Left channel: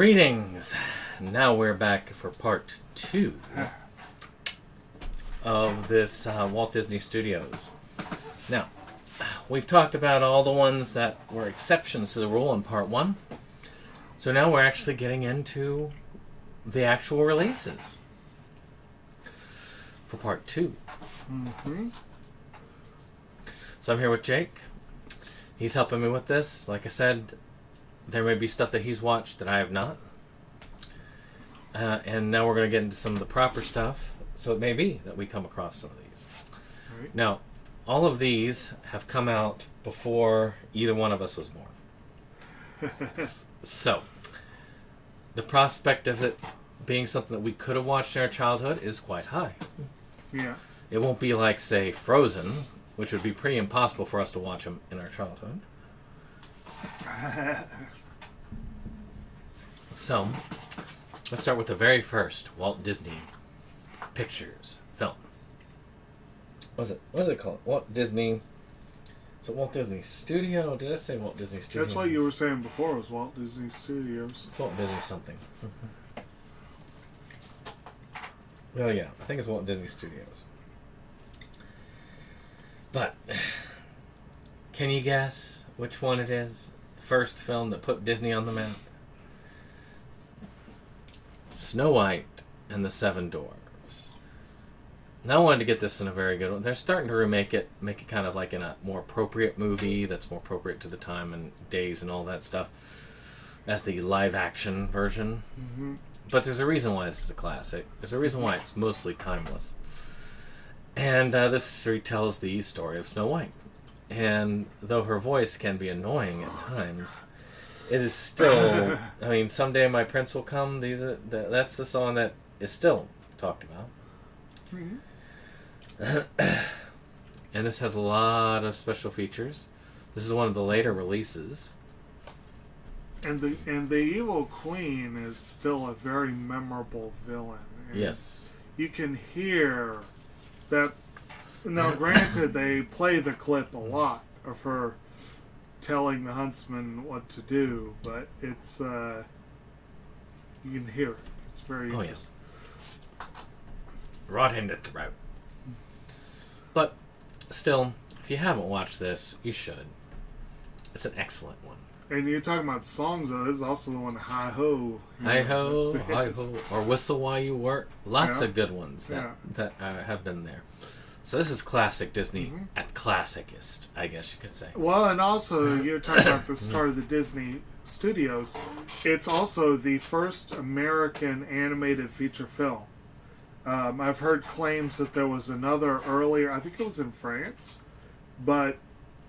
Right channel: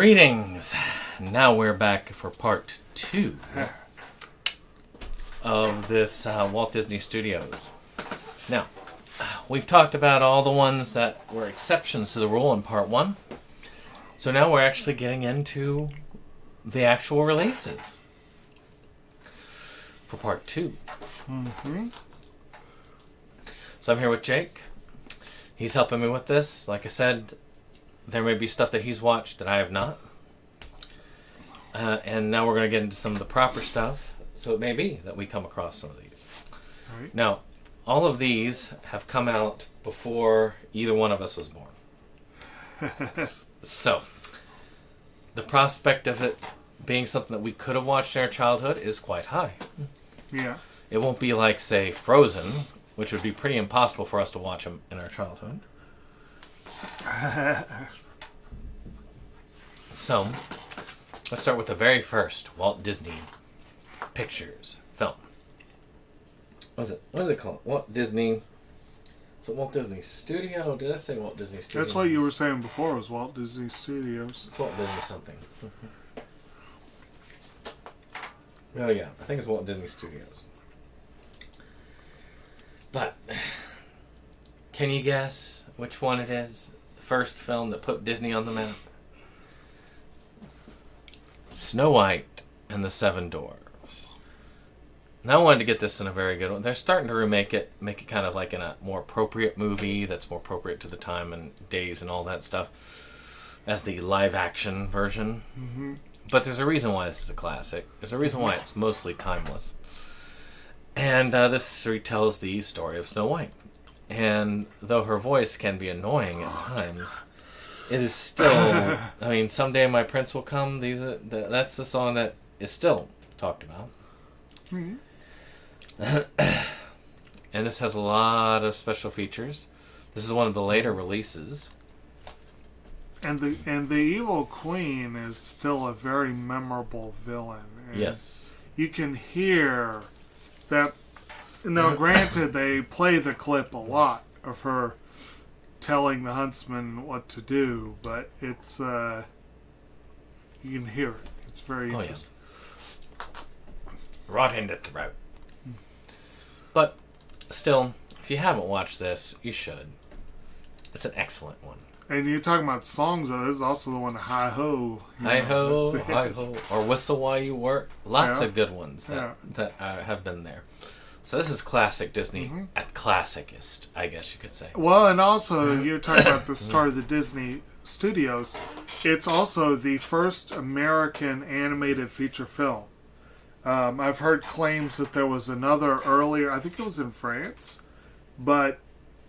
Greetings! Now we're back for part 2 of this Walt Disney Studios. Now, we've talked about all the ones that were exceptions to the rule in part 1. So now we're actually getting into the actual releases for part 2. Mm-hmm. So I'm here with Jake. He's helping me with this. Like I said, there may be stuff that he's watched that I have not. And now we're going to get into some of the proper stuff. So it may be that we come across some of these. Right. Now, all of these have come out before either one of us was born. So, the prospect of it being something that we could have watched in our childhood is quite high. Yeah. It won't be like, say, Frozen, which would be pretty impossible for us to watch them in our childhood. So, let's start with the very first Walt Disney Pictures film. What is it called? Walt Disney... Is it Walt Disney Studio? Did I say Walt Disney Studio? That's what you were saying before, was Walt Disney Studios. It's Walt Disney something. Oh yeah, I think it's Walt Disney Studios. But, can you guess which one it is? The first film that put Disney on the map? Snow White and the Seven Dwarfs. Now I wanted to get this in a very good one. They're starting to remake it, make it kind of like in a more appropriate movie that's more appropriate to the time and days and all that stuff as the live action version. Mm-hmm. But there's a reason why this is a classic. There's a reason why it's mostly timeless. And this retells the story of Snow White. And though her voice can be annoying at times, it is still... I mean, Someday My Prince Will Come. That's the song that is still talked about. Mm-hmm. And this has a lot of special features. This is one of the later releases. And the evil queen is still a very memorable villain. And Yes. you can hear that. Now, granted, they play the clip a lot of her telling the huntsman what to do, but it's you can hear it. It's very interesting. Yeah. Right in the throat. But still, if you haven't watched this, you should. It's an excellent one. And you're talking about songs, though. This is also the one, Hi Ho. Hi ho, hi ho, or Whistle While You Work. Lots Yeah. of good ones that Yeah. have been there. So this is classic Disney at classicist, I guess you could say. Well, and also, you're talking about the start of the Disney Studios. It's also the first American animated feature film. I've heard claims that there was another earlier, I think it was in France, but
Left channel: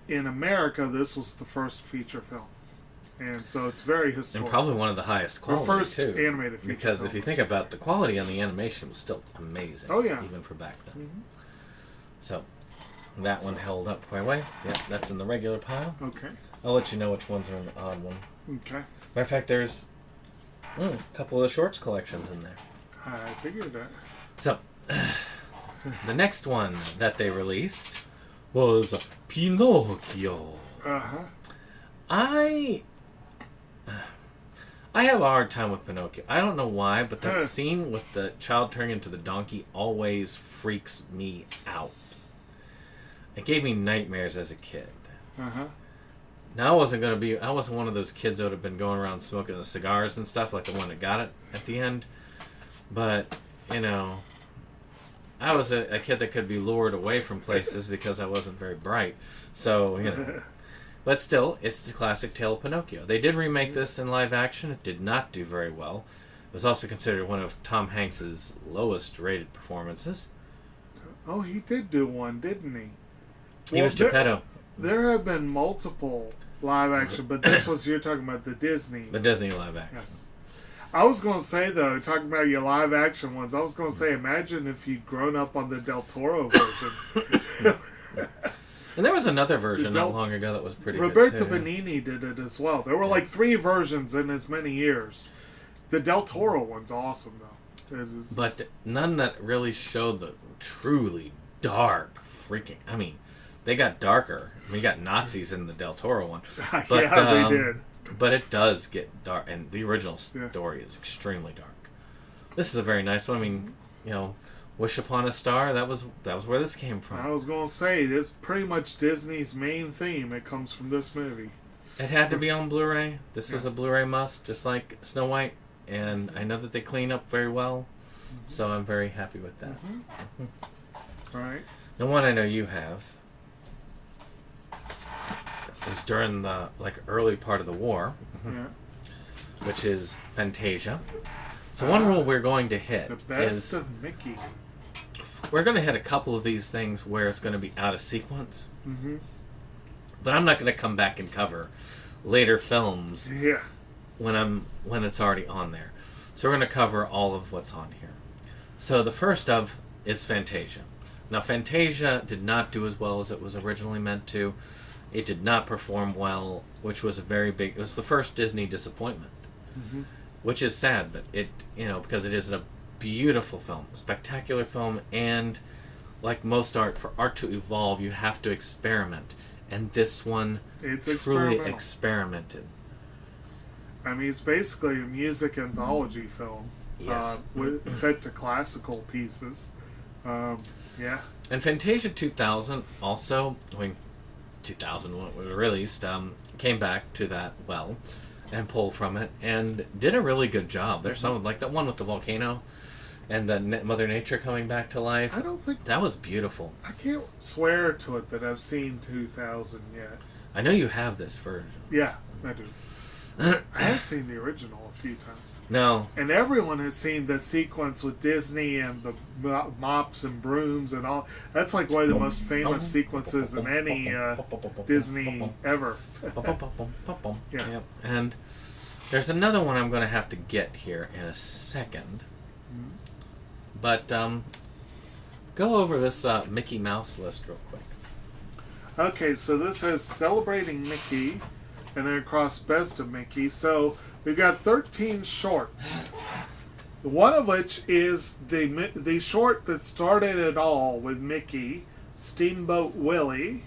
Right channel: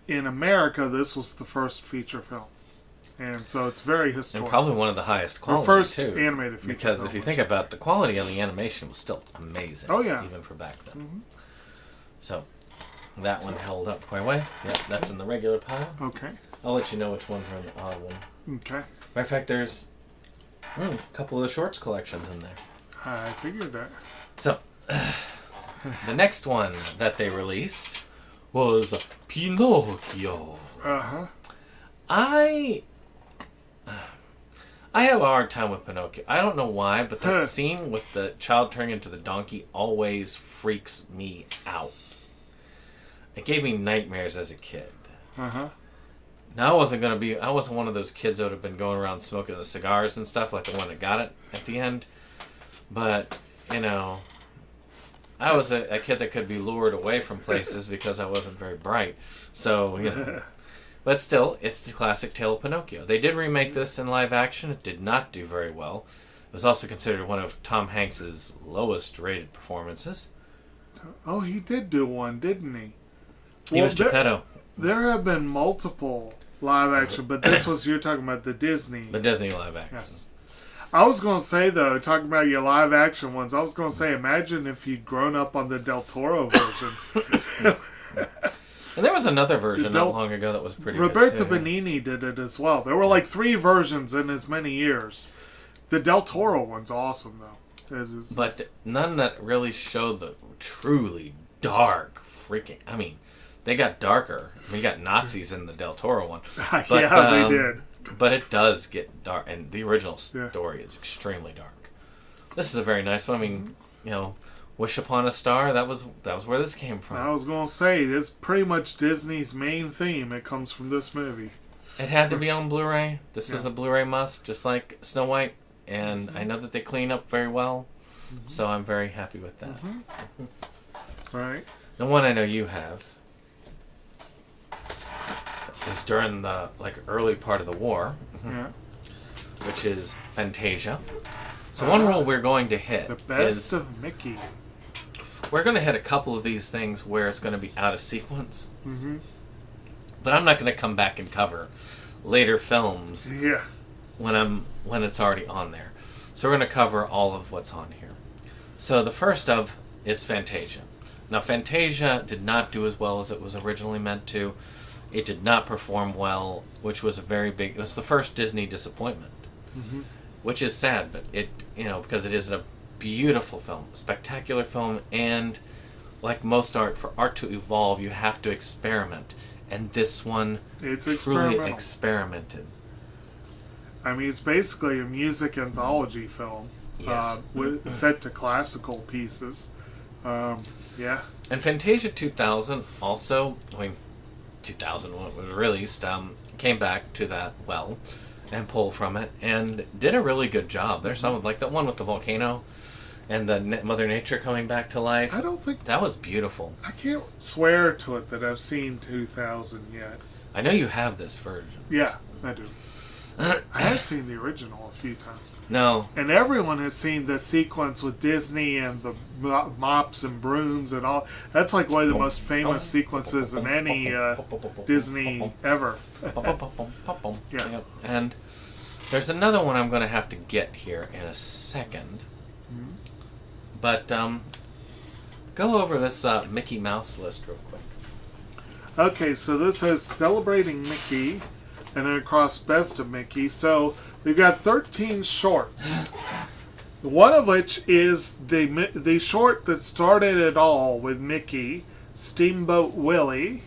in America, this was the first feature film. And so it's very historic. And probably one of the highest The quality, first too. animated feature Because film. if you think about the quality on the animation was still amazing. Oh, yeah. Even for back then. Mm-hmm. So, that one held up quite well. Yeah, that's in the regular pile. Okay. I'll let you know which ones are in the odd one. Okay. Matter of fact, there's a couple of the shorts collections in there. I figured that. So, the next one that they released was Pinocchio. Uh-huh. I have a hard time with Pinocchio. I don't know why, but that scene with the child turning into the donkey always freaks me out. It gave me nightmares as a kid. Uh-huh. Now, I wasn't one of those kids that would have been going around smoking the cigars and stuff, like the one that got it at the end. But, I was a kid that could be lured away from places because I wasn't very bright. So, But still, it's the classic tale of Pinocchio. They did remake this in live action. It did not do very well. It was also considered one of Tom Hanks' lowest rated performances. Oh, he did do one, didn't he? He was Geppetto. There have been multiple live action, but this was, you're talking about the Disney. The Disney live action. Yes. I was going to say, though, talking about your live action ones, I was going to say, imagine if you'd grown up on the Del Toro version. And there was another version not long ago that was pretty Roberto good, too. Benigni did it as well. There were like 3 versions in as many years. The Del Toro one's awesome, though. But none that really showed the truly dark freaking... I mean, they got darker. We got Nazis in the Del Toro one. Yeah, they did. but it does get dark, and the original story is extremely dark. This is a very nice one. I mean, Wish Upon a Star, that was where this came from. I was going to say, it's pretty much Disney's main theme. It comes from this movie. It had to be on Blu-ray. This is a Blu-ray must, just like Snow White. And I know that they clean up very well, so I'm very happy with that. All right. The one I know you have is during the early part of the war, which is Fantasia. So one rule we're going to hit the best of Mickey. We're going to hit a couple of these things where it's going to be out of sequence. But I'm not going to come back and cover later films when it's already on there. So we're going to cover all of what's on here. So the first of is Fantasia. Now Fantasia did not do as well as it was originally meant to. It did not perform well, which was it was the first Disney disappointment. Which is sad, but because it is a beautiful film, spectacular film, and like most art, for art to evolve, you have to experiment. And this one truly experimented. I mean, it's basically a music anthology film, set to classical pieces. And Fantasia 2000 also, 2000 when it was released, came back to that well and pulled from it and did a really good job. There's some like the one with the volcano and the Mother Nature coming back to life. I don't think that was beautiful. I can't swear to it that I've seen 2000 yet. I know you have this version. Yeah, I do. I have seen the original a few times. No. And everyone has seen the sequence with Disney and the mops and brooms and all. That's like one of the most famous sequences in any Disney ever. Yeah. And there's another one I'm going to have to get here in a second. But go over this Mickey Mouse list real quick. Okay, so this says Celebrating Mickey, and then across Best of Mickey. So we got 13 shorts. One of which is the short that started it all with Mickey, Steamboat Willie,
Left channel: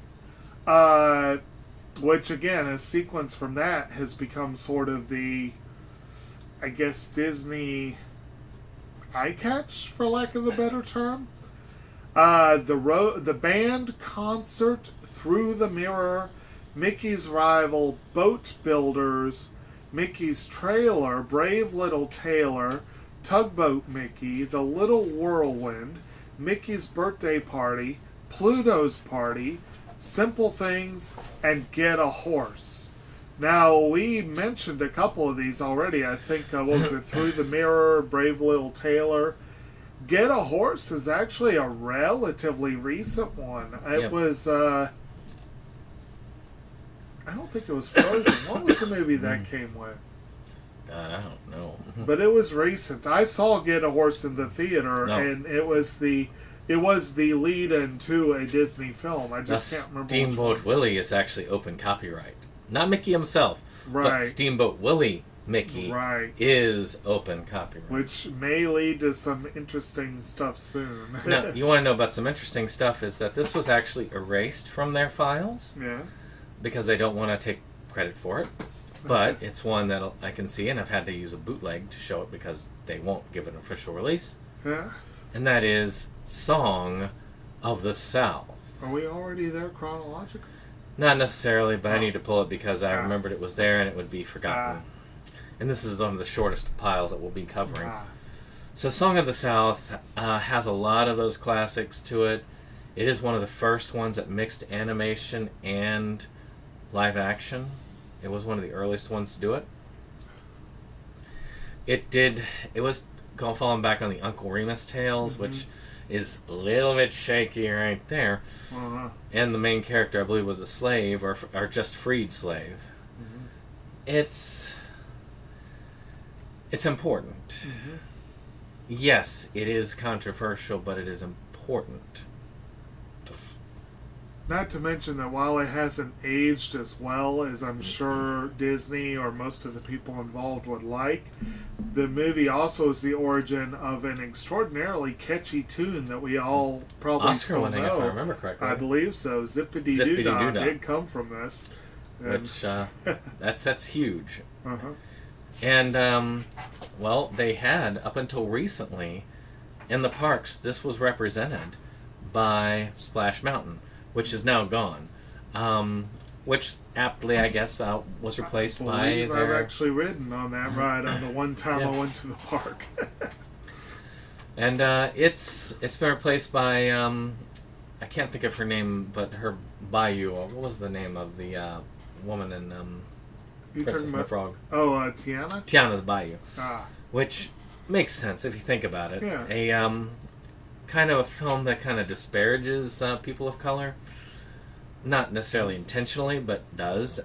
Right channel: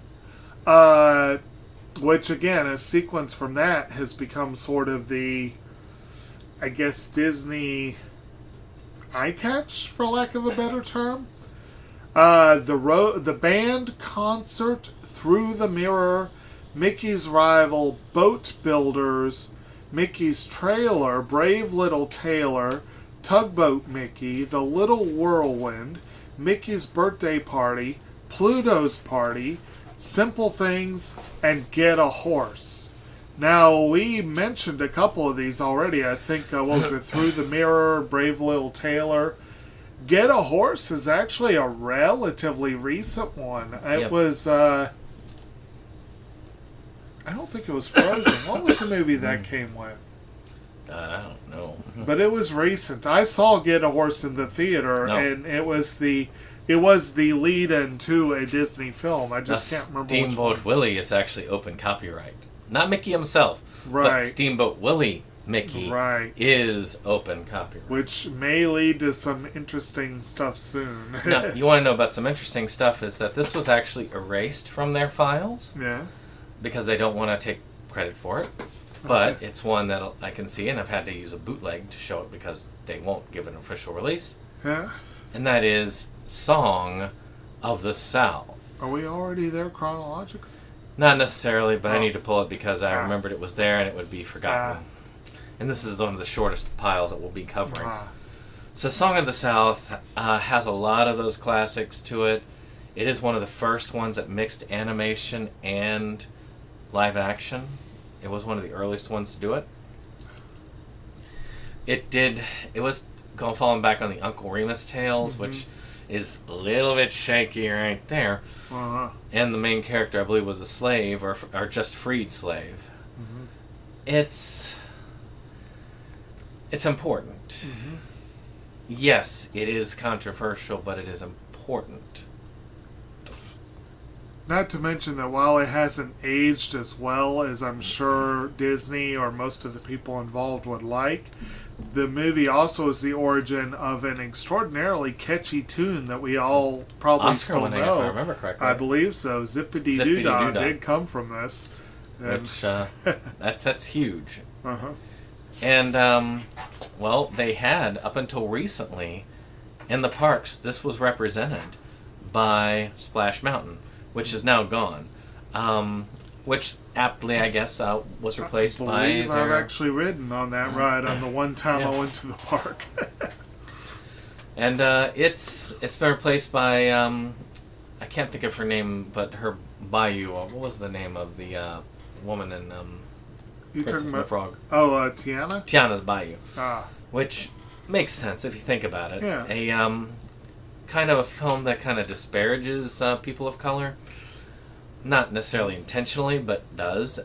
which again, a sequence from that has become sort of the, I guess, Disney eye catch, for lack of a better term. The band concert Through the Mirror, Mickey's Rival, Boat Builders, Mickey's Trailer, Brave Little Tailor, Tugboat Mickey, The Little Whirlwind, Mickey's Birthday Party, Pluto's Party, Simple Things, and Get a Horse. Now, we mentioned a couple of these already. I think, what was it, Through the Mirror, Brave Little Tailor. Get a Horse is actually a relatively recent one. It was, I don't think it was Frozen. What was the movie that came with? I don't know. But it was recent. I saw Get a Horse in the theater, and it was the lead-in to a Disney film. I just can't remember. Steamboat Willie is actually open copyright. Not Mickey himself, right? But Steamboat Willie Mickey is open copyright. Which may lead to some interesting stuff soon. Now, you want to know about some interesting stuff is that this was actually erased from their files. Yeah. Because they don't want to take credit for it. But it's one that I can see, and I've had to use a bootleg to show it because they won't give an official release. Yeah. And that is Song of the South. Are we already there chronologically? Not necessarily, but I need to pull it because I remembered it was there and it would be forgotten. And this is one of the shortest piles that we'll be covering. So Song of the South has a lot of those classics to it. It is one of the first ones that mixed animation and live action. It was one of the earliest ones to do it. It was falling back on the Uncle Remus tales, which is a little bit shaky right there. And the main character, I believe, was a slave or just freed slave. It's important. Yes, it is controversial, but it is important. Not to mention that while it hasn't aged as well as I'm sure Disney or most of the people involved would like, the movie also is the origin of an extraordinarily catchy tune that we all probably Oscar still winning, know. if I remember correctly. I believe so. Zippity Doo Dah did come from this. which that's huge. Uh-huh. And well, they had up until recently in the parks. This was represented by Splash Mountain, which is now gone. Which aptly, I guess, was replaced by. I've actually ridden on that ride on the one time Yeah. I went to the park. And it's been replaced by I can't think of her name, but her Bayou. What was the name of the woman in You Princess talking and the about? Frog? Oh, Tiana. Tiana's Bayou, Ah, which makes sense if you think about it. Yeah. A kind of a film that kind of disparages people of color, not necessarily intentionally, but does,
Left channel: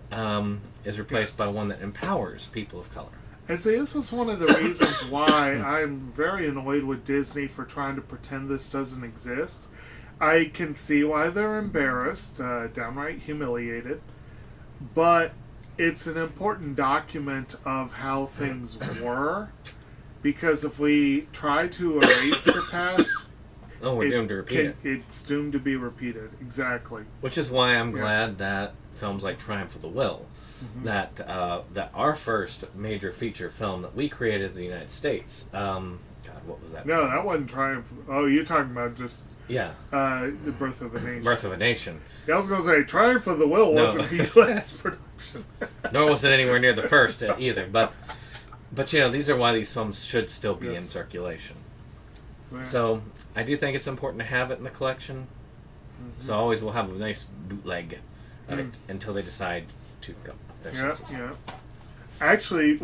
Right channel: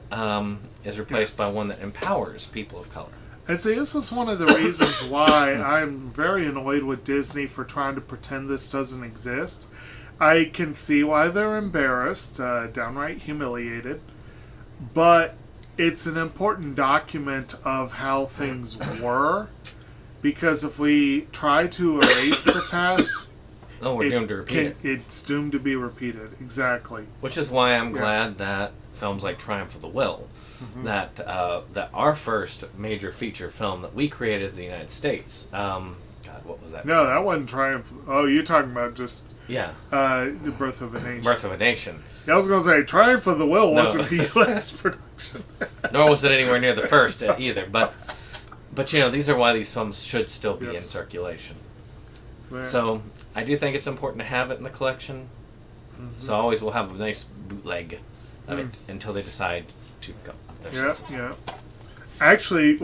is replaced Yes. by one that empowers people of color. and see, this is one of the reasons why I'm very annoyed with Disney for trying to pretend this doesn't exist. I can see why they're embarrassed, downright humiliated, but it's an important document of how things were, because if we try to erase the past, Oh, we're doomed to repeat it. it's doomed to be repeated. Exactly. Which is why I'm Yeah. glad that films like Triumph of the Will, that our first major feature film that we created as the United States. God, what was that? No, that wasn't Triumph. Oh, you're talking about just Yeah, The Birth of a Nation. Birth of a Nation. I was going to say, Triumph of the Will No. wasn't the U.S. production. Nor was it anywhere near the first either. But you know, these are why these films should still be in Yes. circulation. Yeah. So I do think it's important to have it in the collection. So always we'll have a nice bootleg of it until they decide to come up their Yeah, senses. yeah. Actually,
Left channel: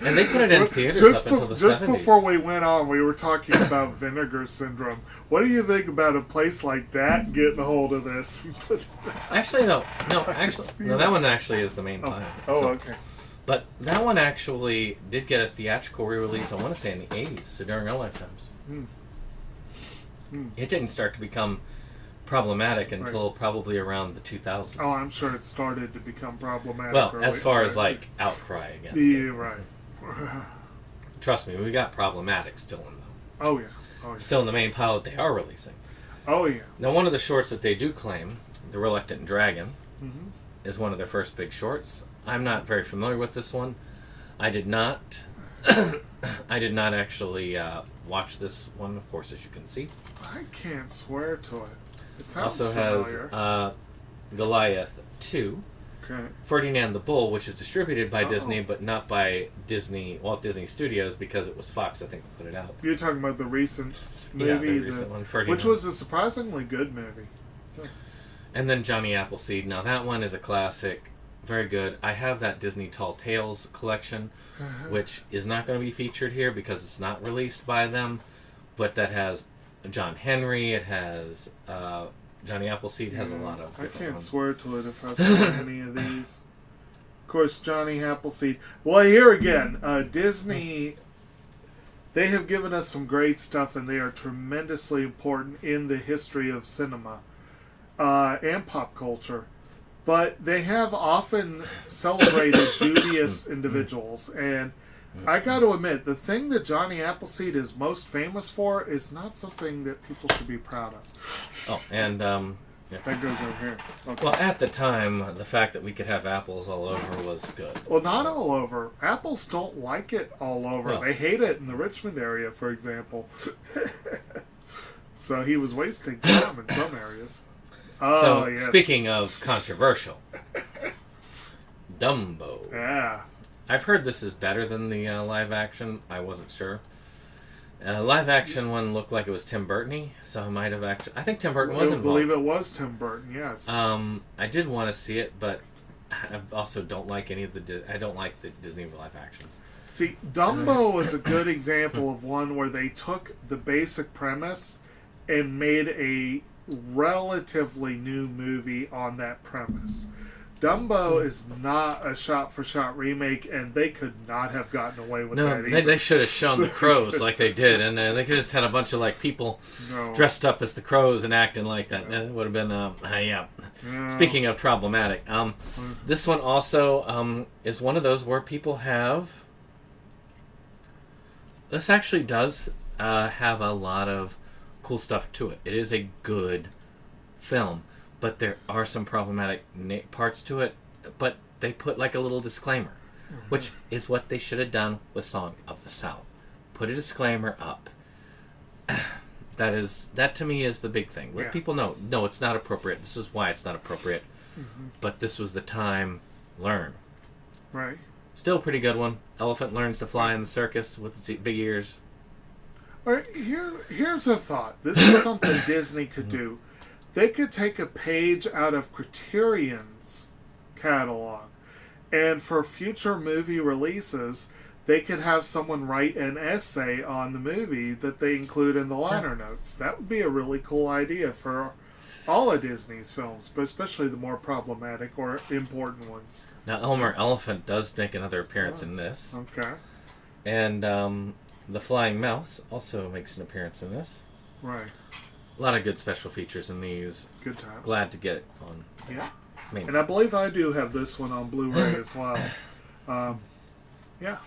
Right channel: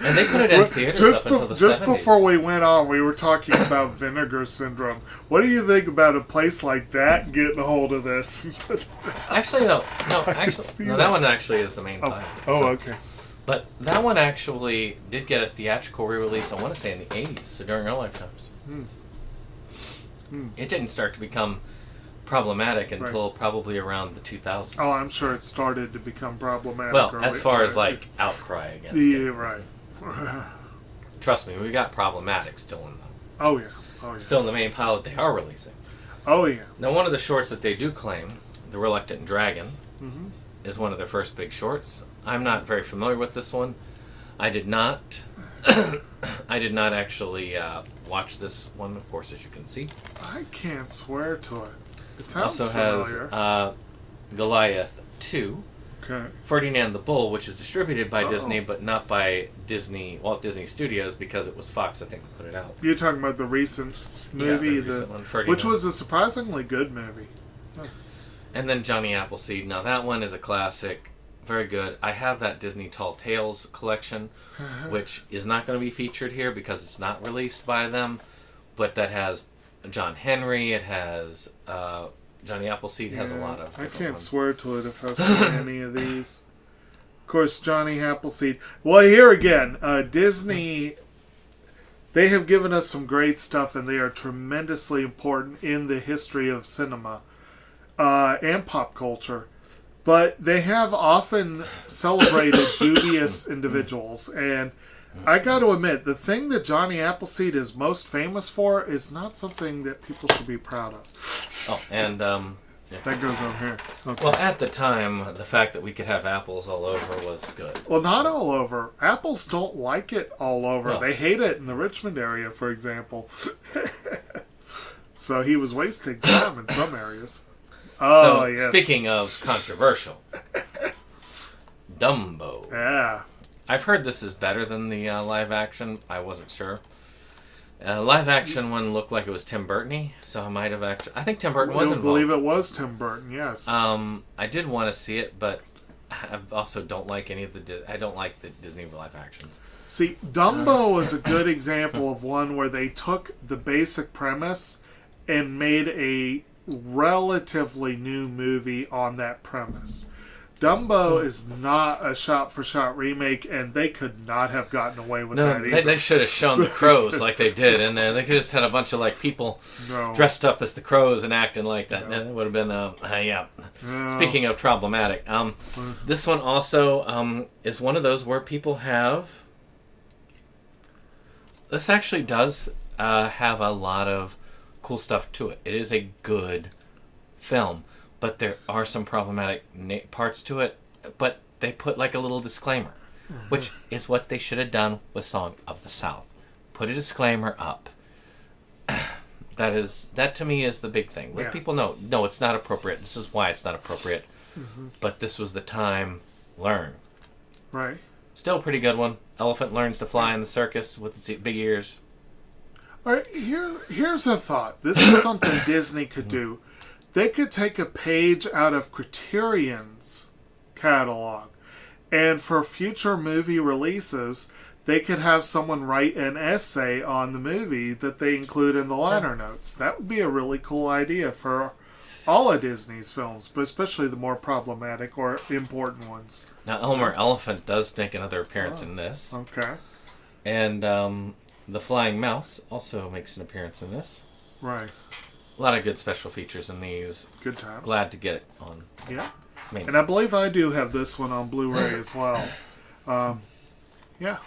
And they put it in theaters just, up until the just 70s. before we went on, we were talking about vinegar syndrome. What do you think about a place like that getting a hold of this? Actually, no, can see that that. one actually is the main title. Oh, So- okay. But that one actually did get a theatrical re-release, I want to say in the 80s, so during our lifetimes. It didn't start to become problematic until probably around the 2000s. Oh, I'm sure it started to become problematic. well, early. as far as Right. like outcry against Yeah, it. right. Trust me, we got problematic still in Oh, yeah. Oh, yeah. still in the main pile that they are releasing. Oh, yeah. Now, one of the shorts that they do claim, The Reluctant Dragon, Mm-hmm. is one of their first big shorts. I'm not very familiar with this one. I did not. I did not actually watch this one, of course, as you can see. I can't swear to it. It It sounds also familiar. has Goliath 2, Okay. Ferdinand the Bull, which is distributed by Uh-oh. Disney, but not by Walt Disney Studios, because it was Fox, I think, that put it out. You're talking about the recent movie, Yeah, the recent one, Ferdinand. which was a surprisingly good movie. And then Johnny Appleseed. Now that one is a classic, very good. I have that Disney Tall Tales collection, which is not going to be featured here because it's not released by them, but that has John Henry. It has Johnny Appleseed has a lot of. I different can't ones. swear to it if I've seen any of these. Of course, Johnny Appleseed. Well, here again, Disney. They have given us some great stuff, and they are tremendously important in the history of cinema and pop culture. But they have often celebrated dubious individuals, and I got to admit, the thing that Johnny Appleseed is most famous for is not something that people should be proud of. Oh, and That goes over here. Okay. well, at the time, the fact that we could have apples all over was good. Well, not all over. Apples don't like it all over. No. They hate it in the Richmond area, for example. So he was wasting time in some areas. Oh, So, yes. speaking of controversial, Dumbo. Yeah. I've heard this is better than the live action. I wasn't sure. Live action one looked like it was Tim Burton-y, so I might have actually. I think Tim Burton was I involved. believe it was Tim Burton, yes. I did want to see it, but I also don't like any of the. I don't like the Disney live actions. See, Dumbo is a good example of one where they took the basic premise and made a relatively new movie on that premise. Dumbo is not a shot-for-shot remake, and they could not have gotten away with No, that either. they should have shown the crows like they did, and they could just had a bunch of like people No. dressed up as the crows and acting like that. No. And it would have been yeah. No. Speaking of problematic, this one also is one of those where people have. This actually does have a lot of cool stuff to it. It is a good film, but there are some problematic parts to it. But they put like a little disclaimer, which is what they should have done with Song of the South. Put a disclaimer up. That to me is the big thing. Let people know, no, it's not appropriate. This is why it's not appropriate. But this was the time. Learn. Right. Still a pretty good one. Elephant learns to fly in the circus with its big ears. All right, here's a thought. This is something Disney could do. They could take a page out of Criterion's catalog, and for future movie releases, they could have someone write an essay on the movie that they include in the liner notes. That would be a really cool idea for all of Disney's films, but especially the more problematic or important ones. Now, Elmer Elephant does make another appearance in this. Okay. And the Flying Mouse also makes an appearance in this. Right. A lot of good special features in these. Good times. Glad to get it on. Yeah. Maybe. And I believe I do have this one on Blu-ray as well. Yeah.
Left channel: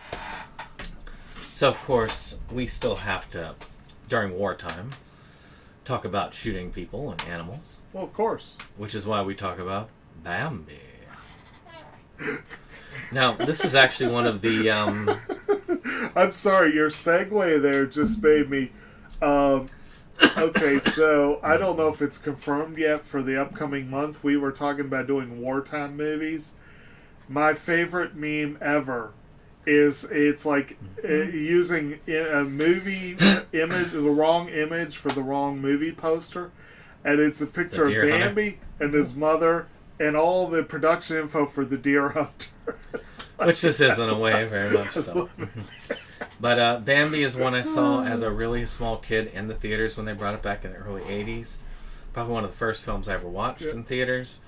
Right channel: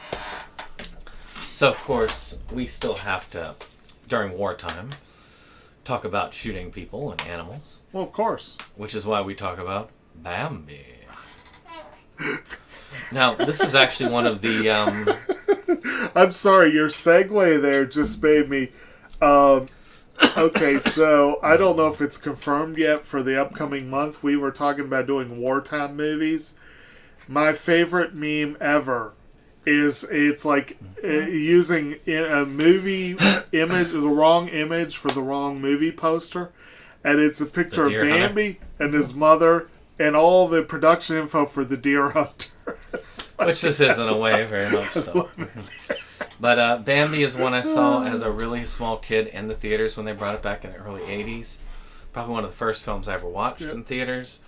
So, of course, we still have to, during wartime, talk about shooting people and animals. Well, of course. Which is why we talk about Bambi. Now, this is actually one of the... I'm sorry, your segue there just made me... okay, so I don't know if it's confirmed yet for the upcoming month. We were talking about doing wartime movies. My favorite meme ever is it's like using a movie image, the wrong image for the wrong movie poster, and it's a picture of Bambi and his mother and all the production info for the Deer Hunter. Which this is in a way, very much so. But Bambi is one I saw as a really small kid in the theaters when they brought it back in the early 80s. Probably one of the first films I ever watched in theaters.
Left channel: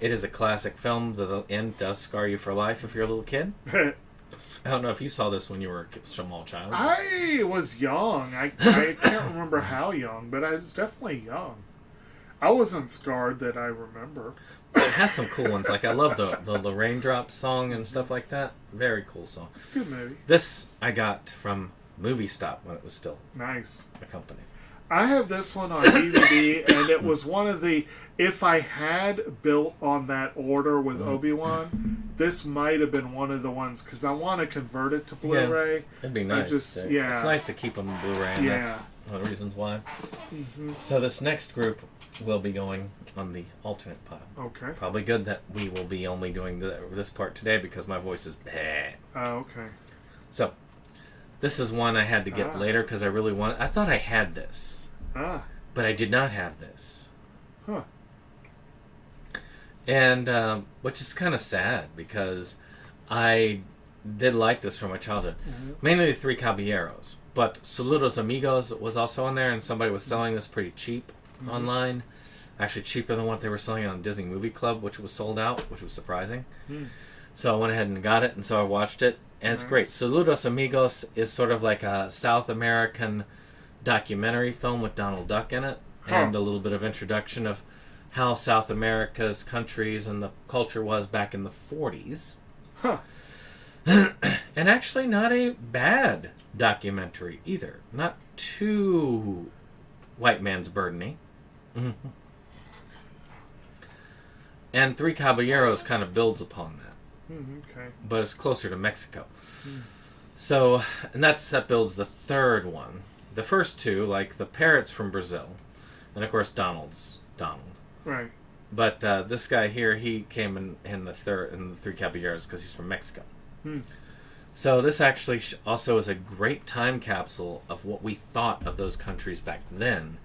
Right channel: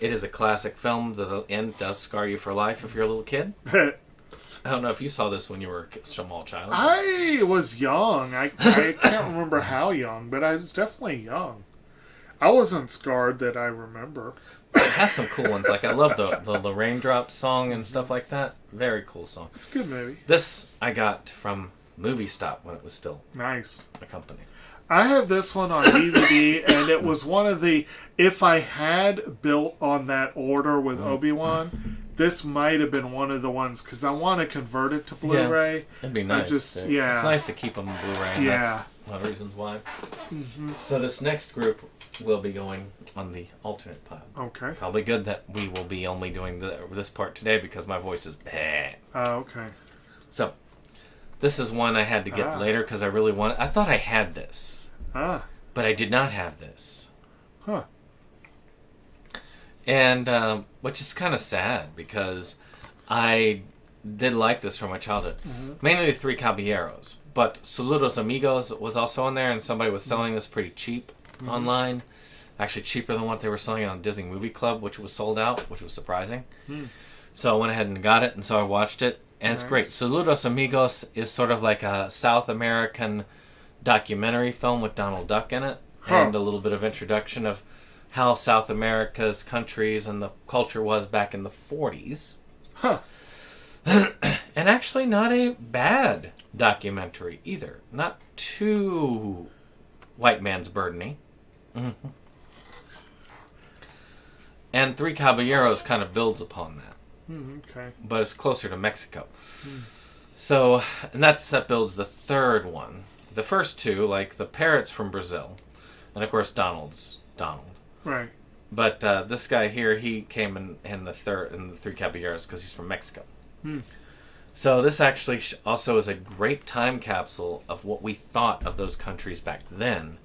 It is a classic film. The end does scar you for life if you're a little kid. I don't know if you saw this when you were a small child. I was young. I can't remember how young, but I was definitely young. I wasn't scarred that I remember. It has some cool ones. Like, I love the Raindrop song and stuff like that. Very cool song. It's a good movie. This I got from Movie Stop when it was still nice a company. I have this one on DVD, and it was one of the... If I had built on that order with Obi-Wan, this might have been one of the ones, because I want to convert it to Blu-ray. Yeah, it'd be nice. It's nice to keep on the Blu-ray, and that's one of the reasons why. So this next group will be going on the alternate pile. Okay. Probably good that we will be only doing this part today, because my voice is bad. Okay. So... This is one I had to get later because I really wanted... I thought I had this. But I did not have this. Huh. And, which is kind of sad because I did like this from my childhood. Mainly the Three Caballeros. But Saludos Amigos was also on there, and somebody was selling this pretty cheap online. Actually cheaper than what they were selling on Disney Movie Club, which was sold out, which was surprising. So I went ahead and got it, and so I watched it. And it's great. Saludos Amigos is sort of like a South American documentary film with Donald Duck in it. And a little bit of introduction of how South America's countries and the culture was back in the 40s. And actually not a bad documentary either. Not too white man's burden-y. And Three Caballeros kind of builds upon that. Okay. But it's closer to Mexico. So, and that builds the third one. The first two, like the parrots from Brazil, and of course Donald. Right. But this guy here, he came in the Three Caballeros because he's from Mexico. So this actually also is a great time capsule of what we thought of those countries back then,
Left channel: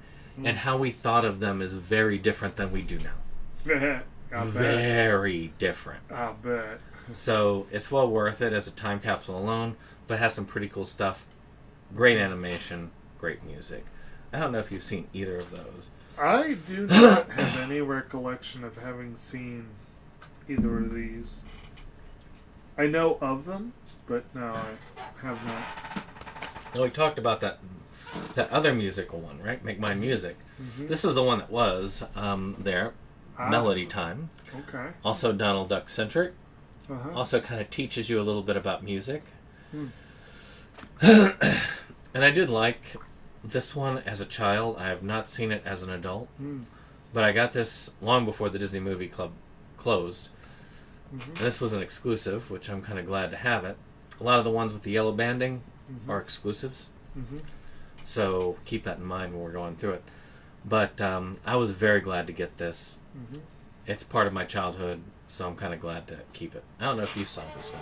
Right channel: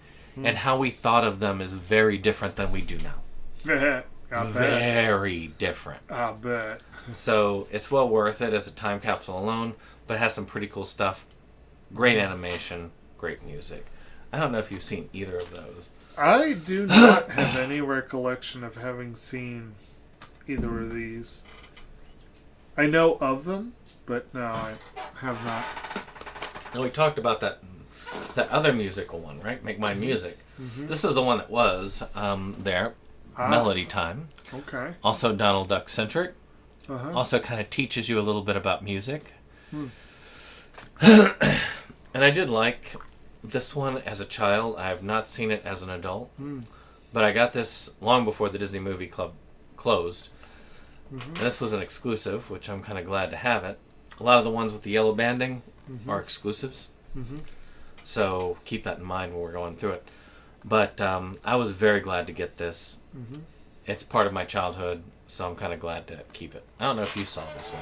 and how we thought of them is very different than we do now. I bet. Very different. I bet. So it's well worth it as a time capsule alone, but it has some pretty cool stuff. Great animation, great music. I don't know if you've seen either of those. I do not have any recollection of having seen either of these. I know of them, but no, I have not. Now we talked about that other musical one, right? Make Mine Music. This is the one that was there. Melody Time. Okay. Also Donald Duck centric. Also kind of teaches you a little bit about music. And I did like this one as a child. I have not seen it as an adult. but I got this long before the Disney Movie Club closed. Mm-hmm. And this was an exclusive, which I'm kind of glad to have it. A lot of the ones with the yellow banding Mm-hmm. are exclusives, Mm-hmm. so keep that in mind when we're going through it. But I was very glad to get this. Mm-hmm. It's part of my childhood, so I'm kind of glad to keep it. I don't know if you saw this one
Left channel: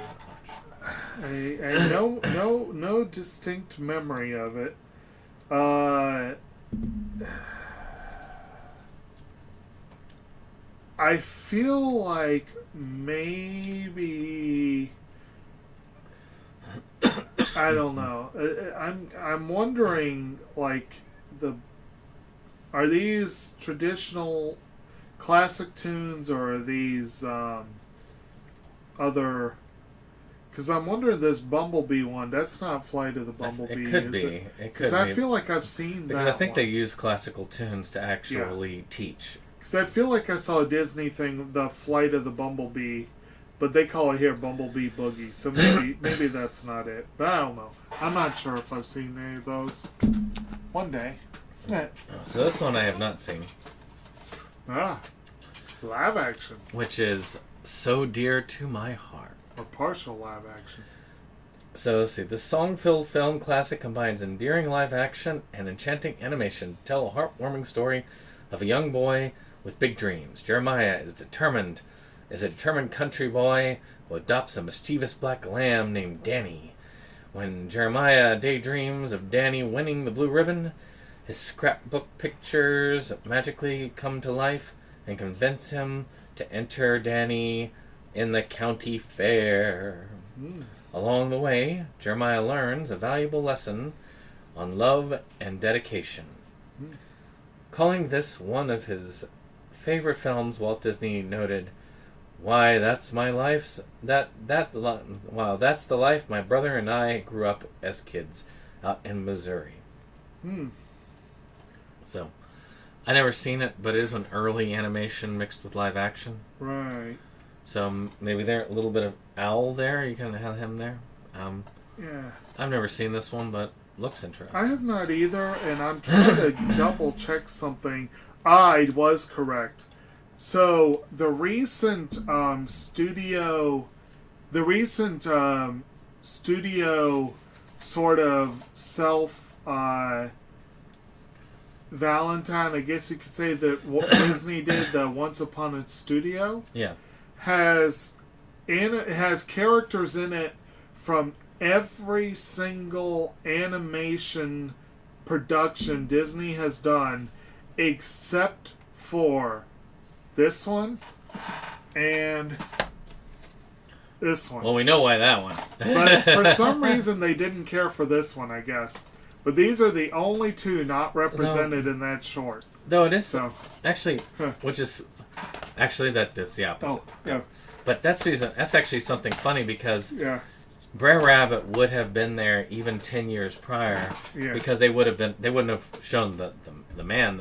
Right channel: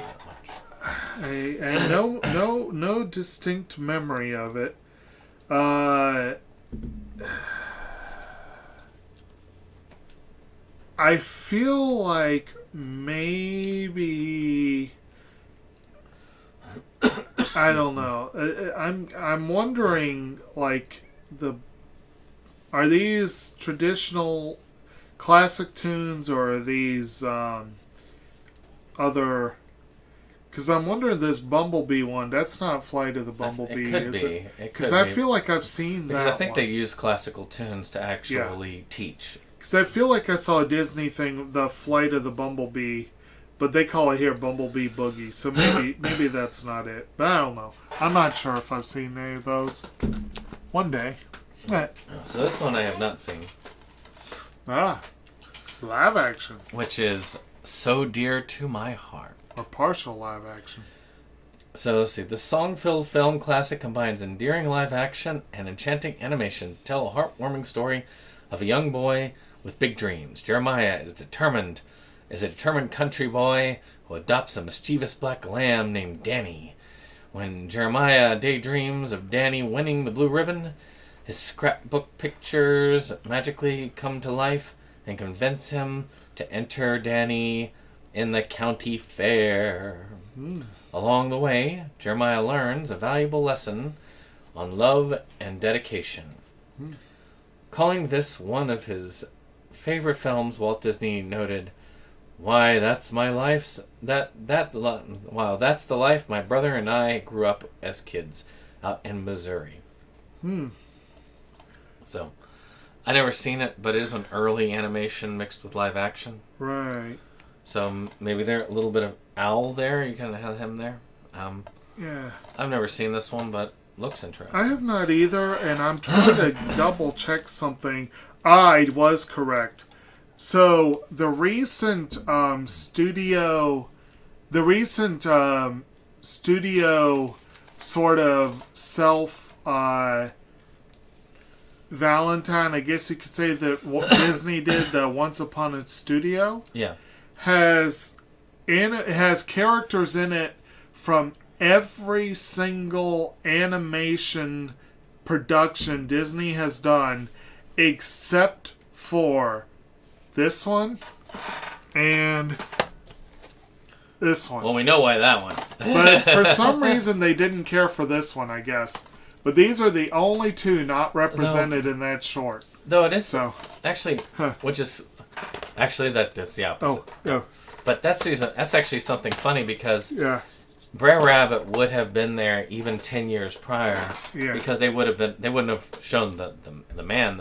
that much. No distinct memory of it. I feel like maybe I don't know. I'm wondering, like, are these traditional classic tunes, or are these other? Because I'm wondering, this Bumblebee one, that's not Flight of the Bumblebee, It could is be. it? It could Because be. I feel like I've seen Because that I think one. they use classical tunes to actually teach. Because I feel like I saw a Disney thing, the Flight of the Bumblebee, but they call it here Bumblebee Boogie. So maybe that's not it. But I don't know. I'm not sure if I've seen any of those. One day. So this one I have not seen, Live action. which is So Dear to My Heart. Or partial live action. So let's see. This song-filled film classic combines endearing live action and enchanting animation to tell a heartwarming story of a young boy with big dreams. Jeremiah is a determined country boy who adopts a mischievous black lamb named Danny. When Jeremiah daydreams of Danny winning the blue ribbon, his scrapbook pictures magically come to life and convince him to enter Danny in the county fair. Along the way, Jeremiah learns a valuable lesson on love and dedication. Calling this one of his favorite films, Walt Disney noted, "Why, that's my life's wow, that's the life my brother and I grew up as kids out in Missouri." So, I never seen it, but it is an early animation mixed with live action. Right. So maybe there a little bit of Owl there. You kind of have him there. Yeah. I've never seen this one, but looks interesting. I have not either, and I'm trying to double check something. I was correct. So the recent studio sort of self Valentine, I guess you could say, that what Disney did, the Once Upon a Studio, Yeah. has characters in it from every single animation production Disney has done, except for this one and this one. Well, we know why that one. But for some reason, they didn't care for this one, I guess. But these are the only two not represented in that short. Though it is So, actually, which is actually that's the opposite. oh, yeah, But that's actually something funny because yeah, Brer Rabbit would have been there even 10 years prior yeah. because they wouldn't have shown the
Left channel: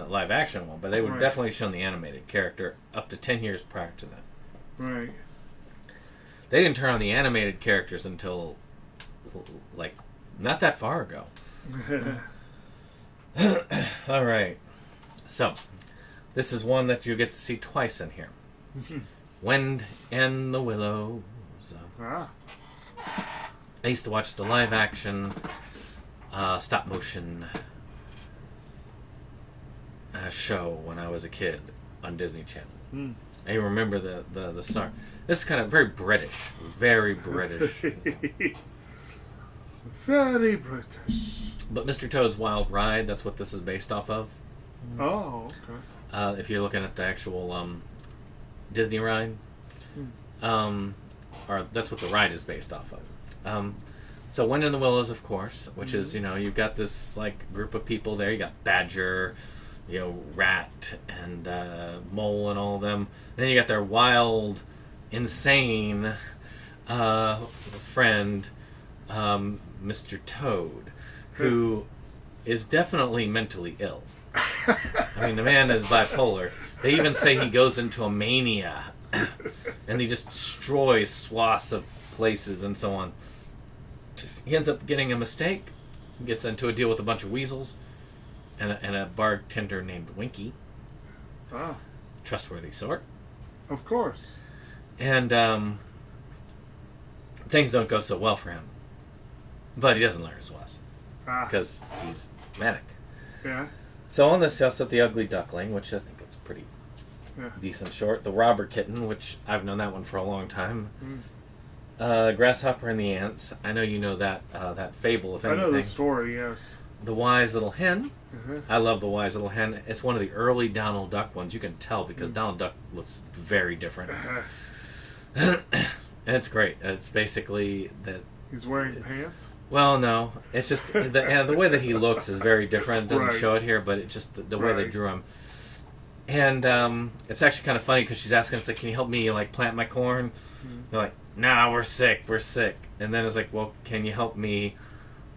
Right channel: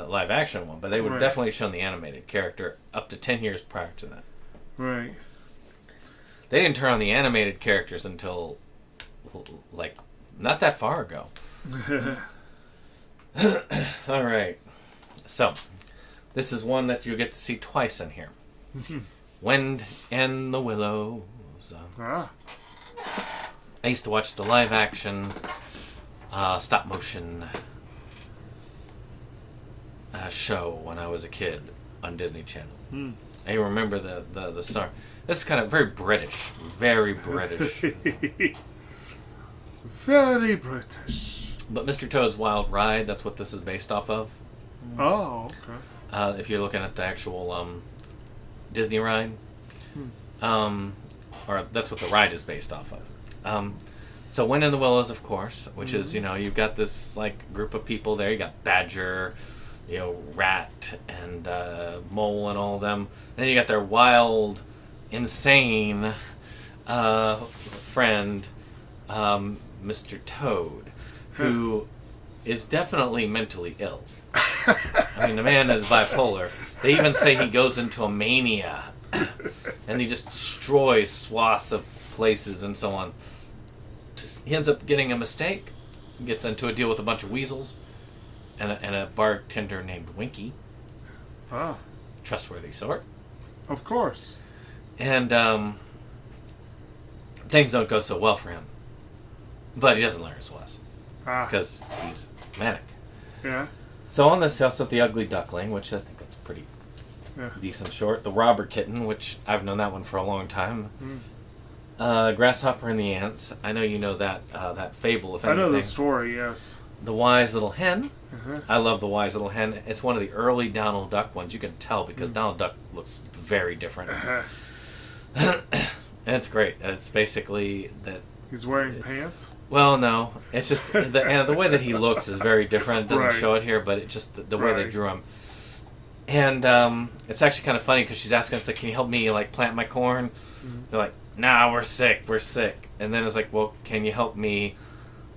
live action one, but they would have Right. definitely shown the animated character up to 10 years prior to that. Right. They didn't turn on the animated characters until like not that far ago. All right. So, this is one that you get to see twice in here. Wind in the Willows. Ah, I used to watch the live action stop motion show when I was a kid on Disney Channel. I remember the star. This is kind of very British. Very British. very British. But Mr. Toad's Wild Ride, that's what this is based off of. Oh, okay. If you're looking at the actual Disney ride. Or that's what the ride is based off of. So Wind in the Willows, of course, which is, you've got this like group of people there. You got Badger, Rat, and Mole, and all of them. Then you got their wild, insane friend, Mr. Toad, who is definitely mentally ill. I mean, the man is bipolar. They even say he goes into a mania, and he just destroys swaths of places and so on. He ends up getting a mistake, gets into a deal with a bunch of weasels, and a bartender named Winky. Oh. Trustworthy sort. Of course. And things don't go so well for him. But he doesn't learn his lesson. Because he's manic. Yeah. So on this, he also have the Ugly Duckling, which I think is pretty decent short. The Robber Kitten, which I've known that one for a long time. Grasshopper and the Ants. I know you know that that fable, if anything. I know the story, yes. The Wise Little Hen. I love the Wise Little Hen. It's one of the early Donald Duck ones. You can tell because Donald Duck looks very different. And it's great. It's basically that... He's wearing pants? Well, no. It's just the way that he looks is very different. It doesn't show it here, but it just the way they drew him. And it's actually kind of funny because she's asking, it's like, can you help me like plant my corn? They're like, nah, we're sick. And then it's like, well, can you help me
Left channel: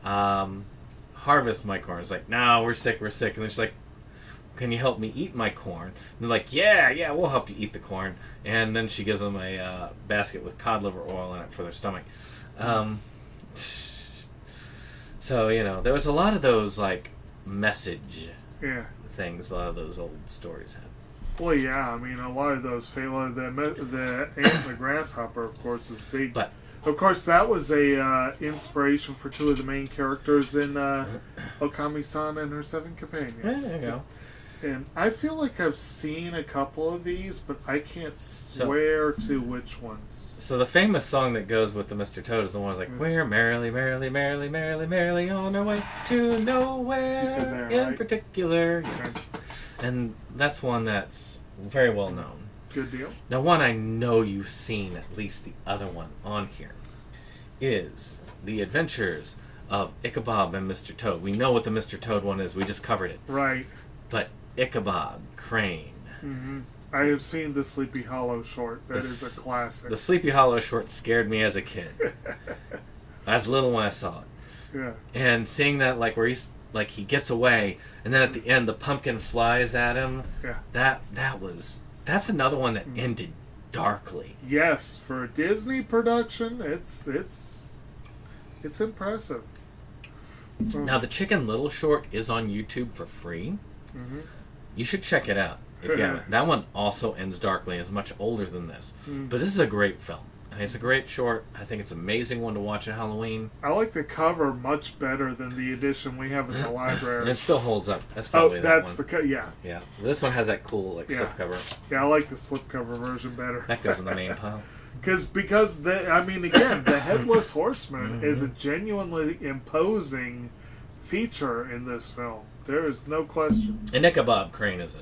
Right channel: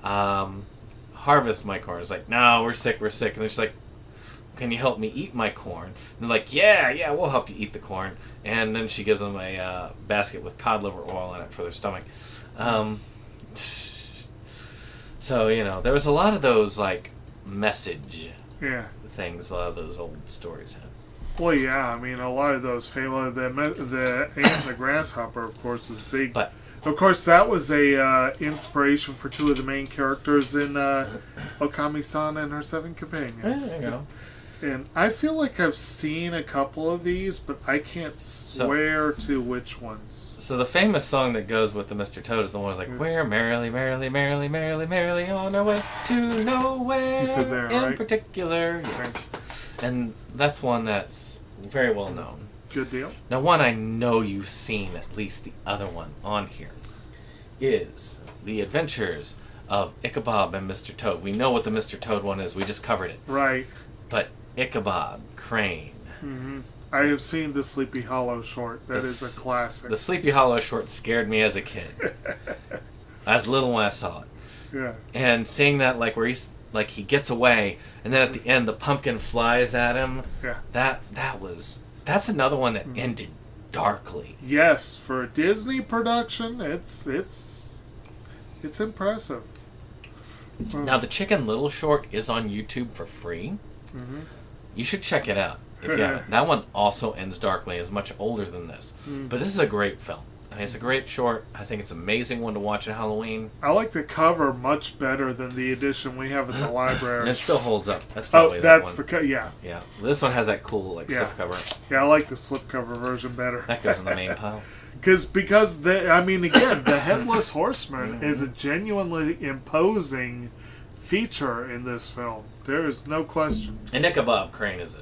harvest my corn? It's like, no, we're sick. And then she's like, can you help me eat my corn? And they're like, yeah, we'll help you eat the corn. And then she gives them a basket with cod liver oil in it for their stomach. So, there was a lot of those, like, message things a lot of those old stories have. Well, yeah, I mean, a lot of those fables, the ant and the grasshopper, of course, is big. But, of course, that was a inspiration for two of the main characters in Okami-san and her 7 companions. There you go. And I feel like I've seen a couple of these, but I can't swear to which ones. So the famous song that goes with the Mr. Toad is the one that's like, we're merrily, merrily, merrily, merrily, merrily on our way to nowhere You said there, in right? particular. Yes. And that's one that's very well known. Good deal. Now, one I know you've seen, at least the other one on here, is The Adventures of Ichabod and Mr. Toad. We know what the Mr. Toad one is. We just covered it. Right. But Ichabod Crane. I have seen the Sleepy Hollow short. That is a classic. The Sleepy Hollow short scared me as a kid. As little when I saw it. Yeah. And seeing that, like, where he's, like, he gets away, and then at the end the pumpkin flies at him. Yeah. That's another one that ended darkly. Yes, for a Disney production, it's impressive. Now, the Chicken Little short is on YouTube for free. You should check it out if you haven't. That one also ends darkly. It's much older than this. But this is a great film. It's a great short. I think it's an amazing one to watch at Halloween. I like the cover much better than the edition we have at the library. And it still holds up. That's yeah. Yeah. This one has that cool slipcover. Yeah, I like the slipcover version better. That goes in the main pile. Because the Headless Horseman is a genuinely imposing feature in this film. There is no question. And Ichabod Crane is a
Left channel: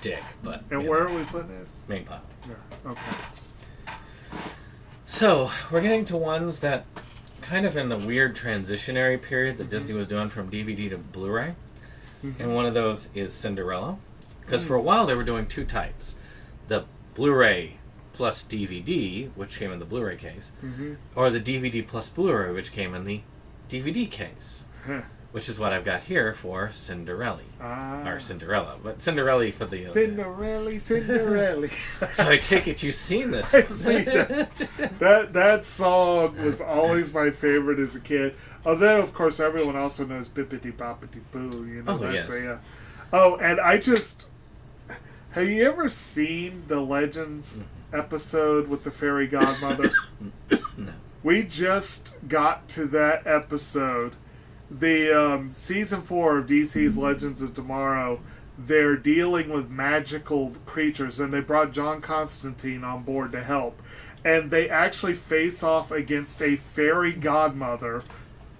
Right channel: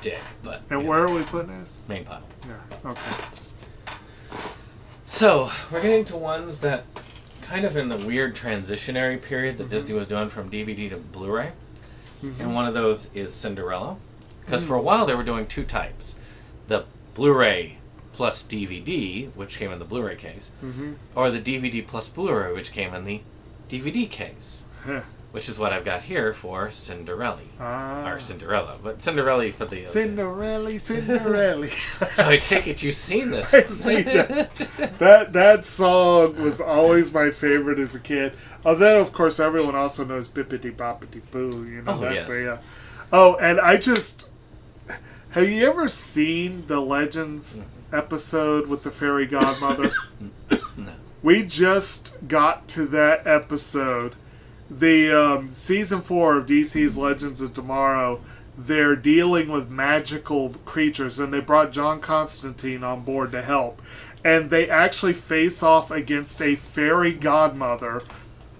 dick, but... And where are we putting this? Main pile. Yeah, okay. So, we're getting to ones that kind of in the weird transitionary period that Disney was doing from DVD to Blu-ray. And one of those is Cinderella. Because for a while they were doing 2 types. The Blu-ray plus DVD, which came in the Blu-ray case, or the DVD plus Blu-ray, which came in the DVD case. Which is what I've got here for Cinderella. Or Cinderella. But Cinderella for the... Cinderella. So I take it you've seen this. I've seen it. That song was always my favorite as a kid. Although, of course, everyone also knows Bippity Boppity Boo. You know, and I just... Have you ever seen the Legends episode with the fairy godmother? No. We just got to that episode. The season 4 of DC's Legends of Tomorrow, they're dealing with magical creatures, and they brought John Constantine on board to help. And they actually face off against a fairy godmother,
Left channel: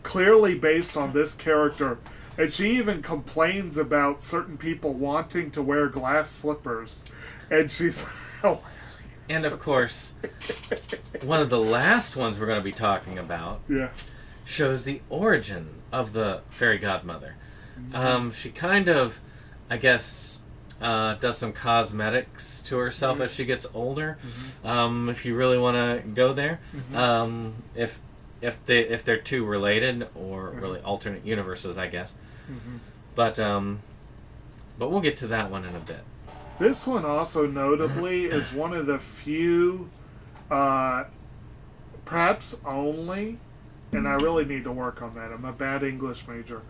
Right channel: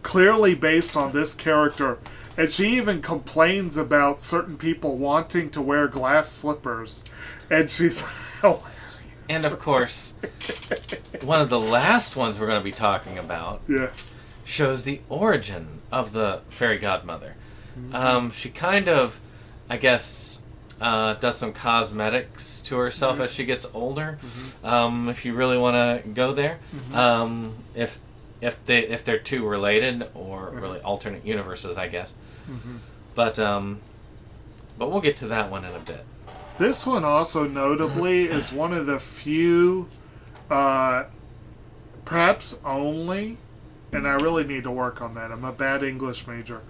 clearly based on this character. And she even complains about certain people wanting to wear glass slippers. And she's hilarious. And of course, one of the last ones we're going to be talking about shows the origin of the fairy godmother. She kind of, I guess, does some cosmetics to herself as she gets older. If you really want to go there, if they're 2 related or really alternate universes, I guess. But we'll get to that one in a bit. This one also notably is one of the few, perhaps only. And I really need to work on that. I'm a bad English major.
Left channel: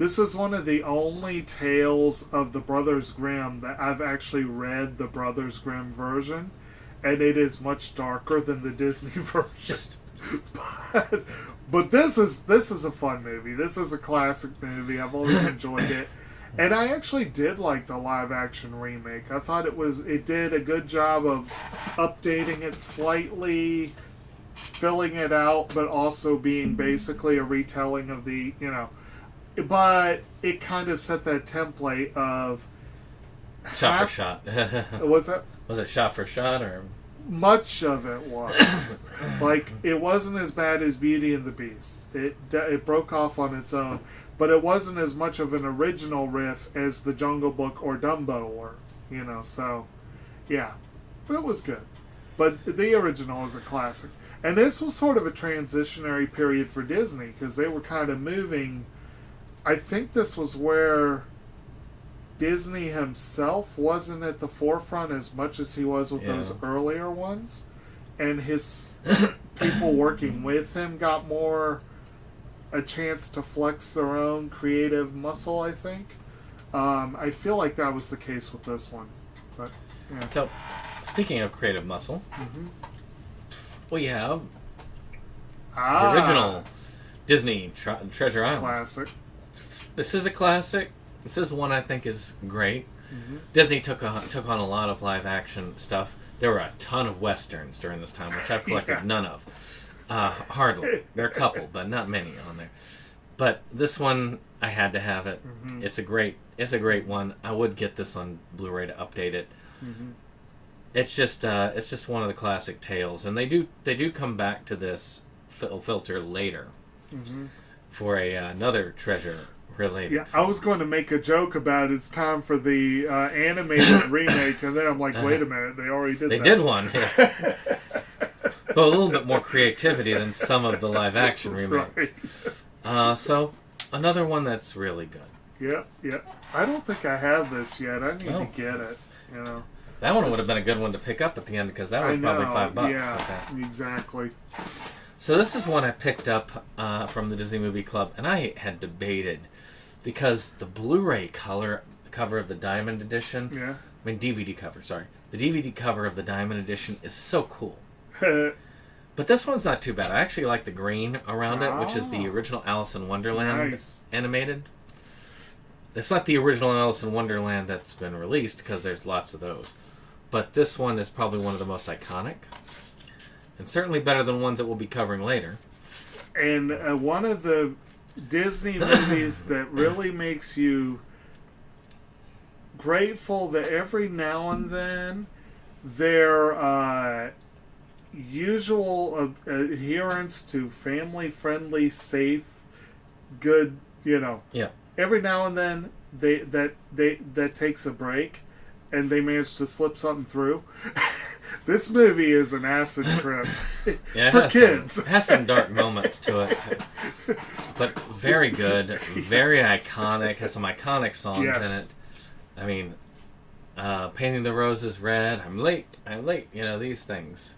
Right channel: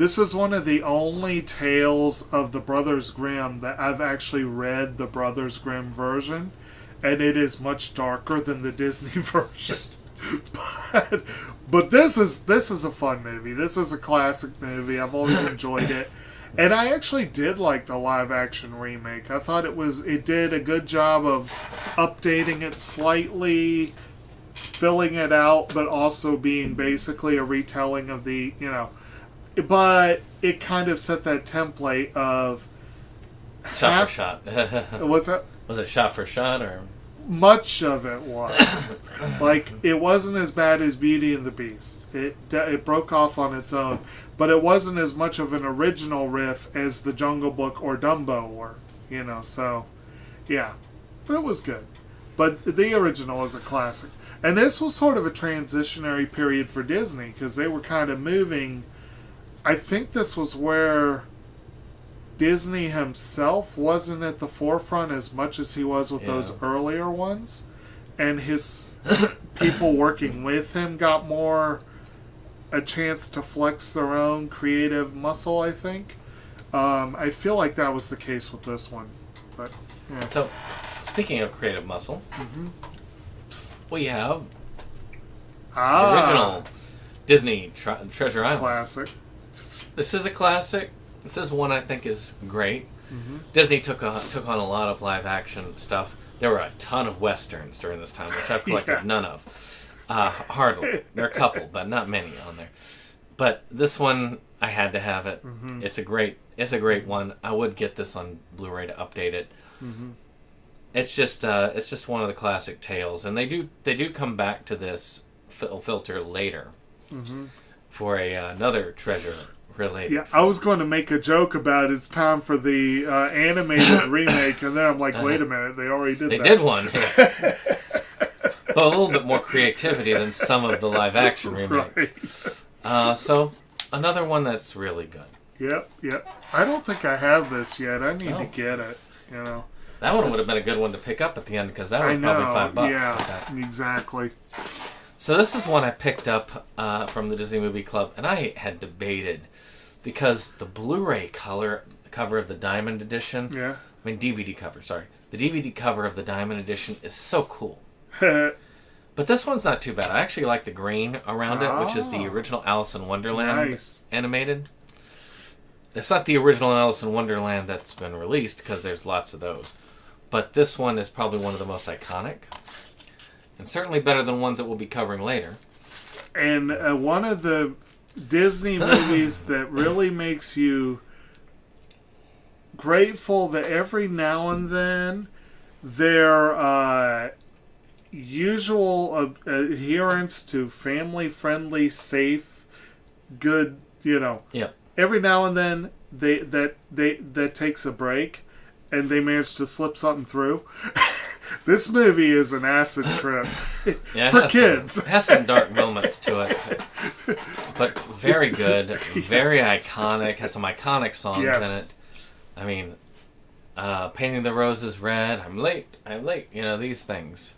This is one of the only tales of the Brothers Grimm that I've actually read the Brothers Grimm version, and it is much darker than the Disney version. But this is a fun movie. This is a classic movie. I've always enjoyed it. And I actually did like the live action remake. I thought it did a good job of updating it slightly, filling it out, but also being basically a retelling of the, but it kind of set that template of shot for shot. Was that? Was it shot for shot or? Much of it was. Like, it wasn't as bad as Beauty and the Beast. It broke off on its own, but it wasn't as much of an original riff as The Jungle Book or Dumbo were, so, yeah. But it was good. But the original is a classic. And this was sort of a transitionary period for Disney, because they were kind of moving. I think this was where Disney himself wasn't at the forefront as much as he was with those earlier ones. And his people working with him got more a chance to flex their own creative muscle, I think. I feel like that was the case with this one. But yeah. So, speaking of creative muscle, we have the original Disney Treasure Island. Classic. This is a classic. This is one I think is great. Mm-hmm. Disney took on a lot of live action stuff. There were a ton of westerns during this time, which I've collected none of. Hardly. There are a couple, but not many on there. But this one, I had to have it. Mm-hmm. It's a great one. I would get this on Blu-ray to update it. Mm-hmm. It's just one of the classic tales, and they do come back to this filter later for another treasure related. Yeah, I was going to make a joke about it's time for the animated remake, and then I'm like, wait a minute, they already did that. They did one. Yes. But a little bit more creativity than some of the live action remakes. Right. So another one that's really good. Yep. I don't think I have this yet. I need to get it. That one would have been a good one to pick up at the end because that was probably $5. Yeah, exactly. So this is one I picked up from the Disney Movie Club, and I had debated because the Blu-ray cover of the Diamond Edition, DVD cover, sorry. The DVD cover of the Diamond Edition is so cool. But this one's not too bad. I actually like the green around it, which is the original Alice in Wonderland animated. It's not the original Alice in Wonderland that's been released, because there's lots of those. But this one is probably one of the most iconic. And certainly better than ones that we'll be covering later. And one of the Disney movies that really makes you grateful that every now and then their usual adherence to family-friendly, safe, good, every now and then that takes a break, and they manage to slip something through. This movie is an acid trip for kids. It has some dark moments to it, but very good, very iconic. Has some iconic songs in it. I mean, Painting the Roses Red. I'm late. These things.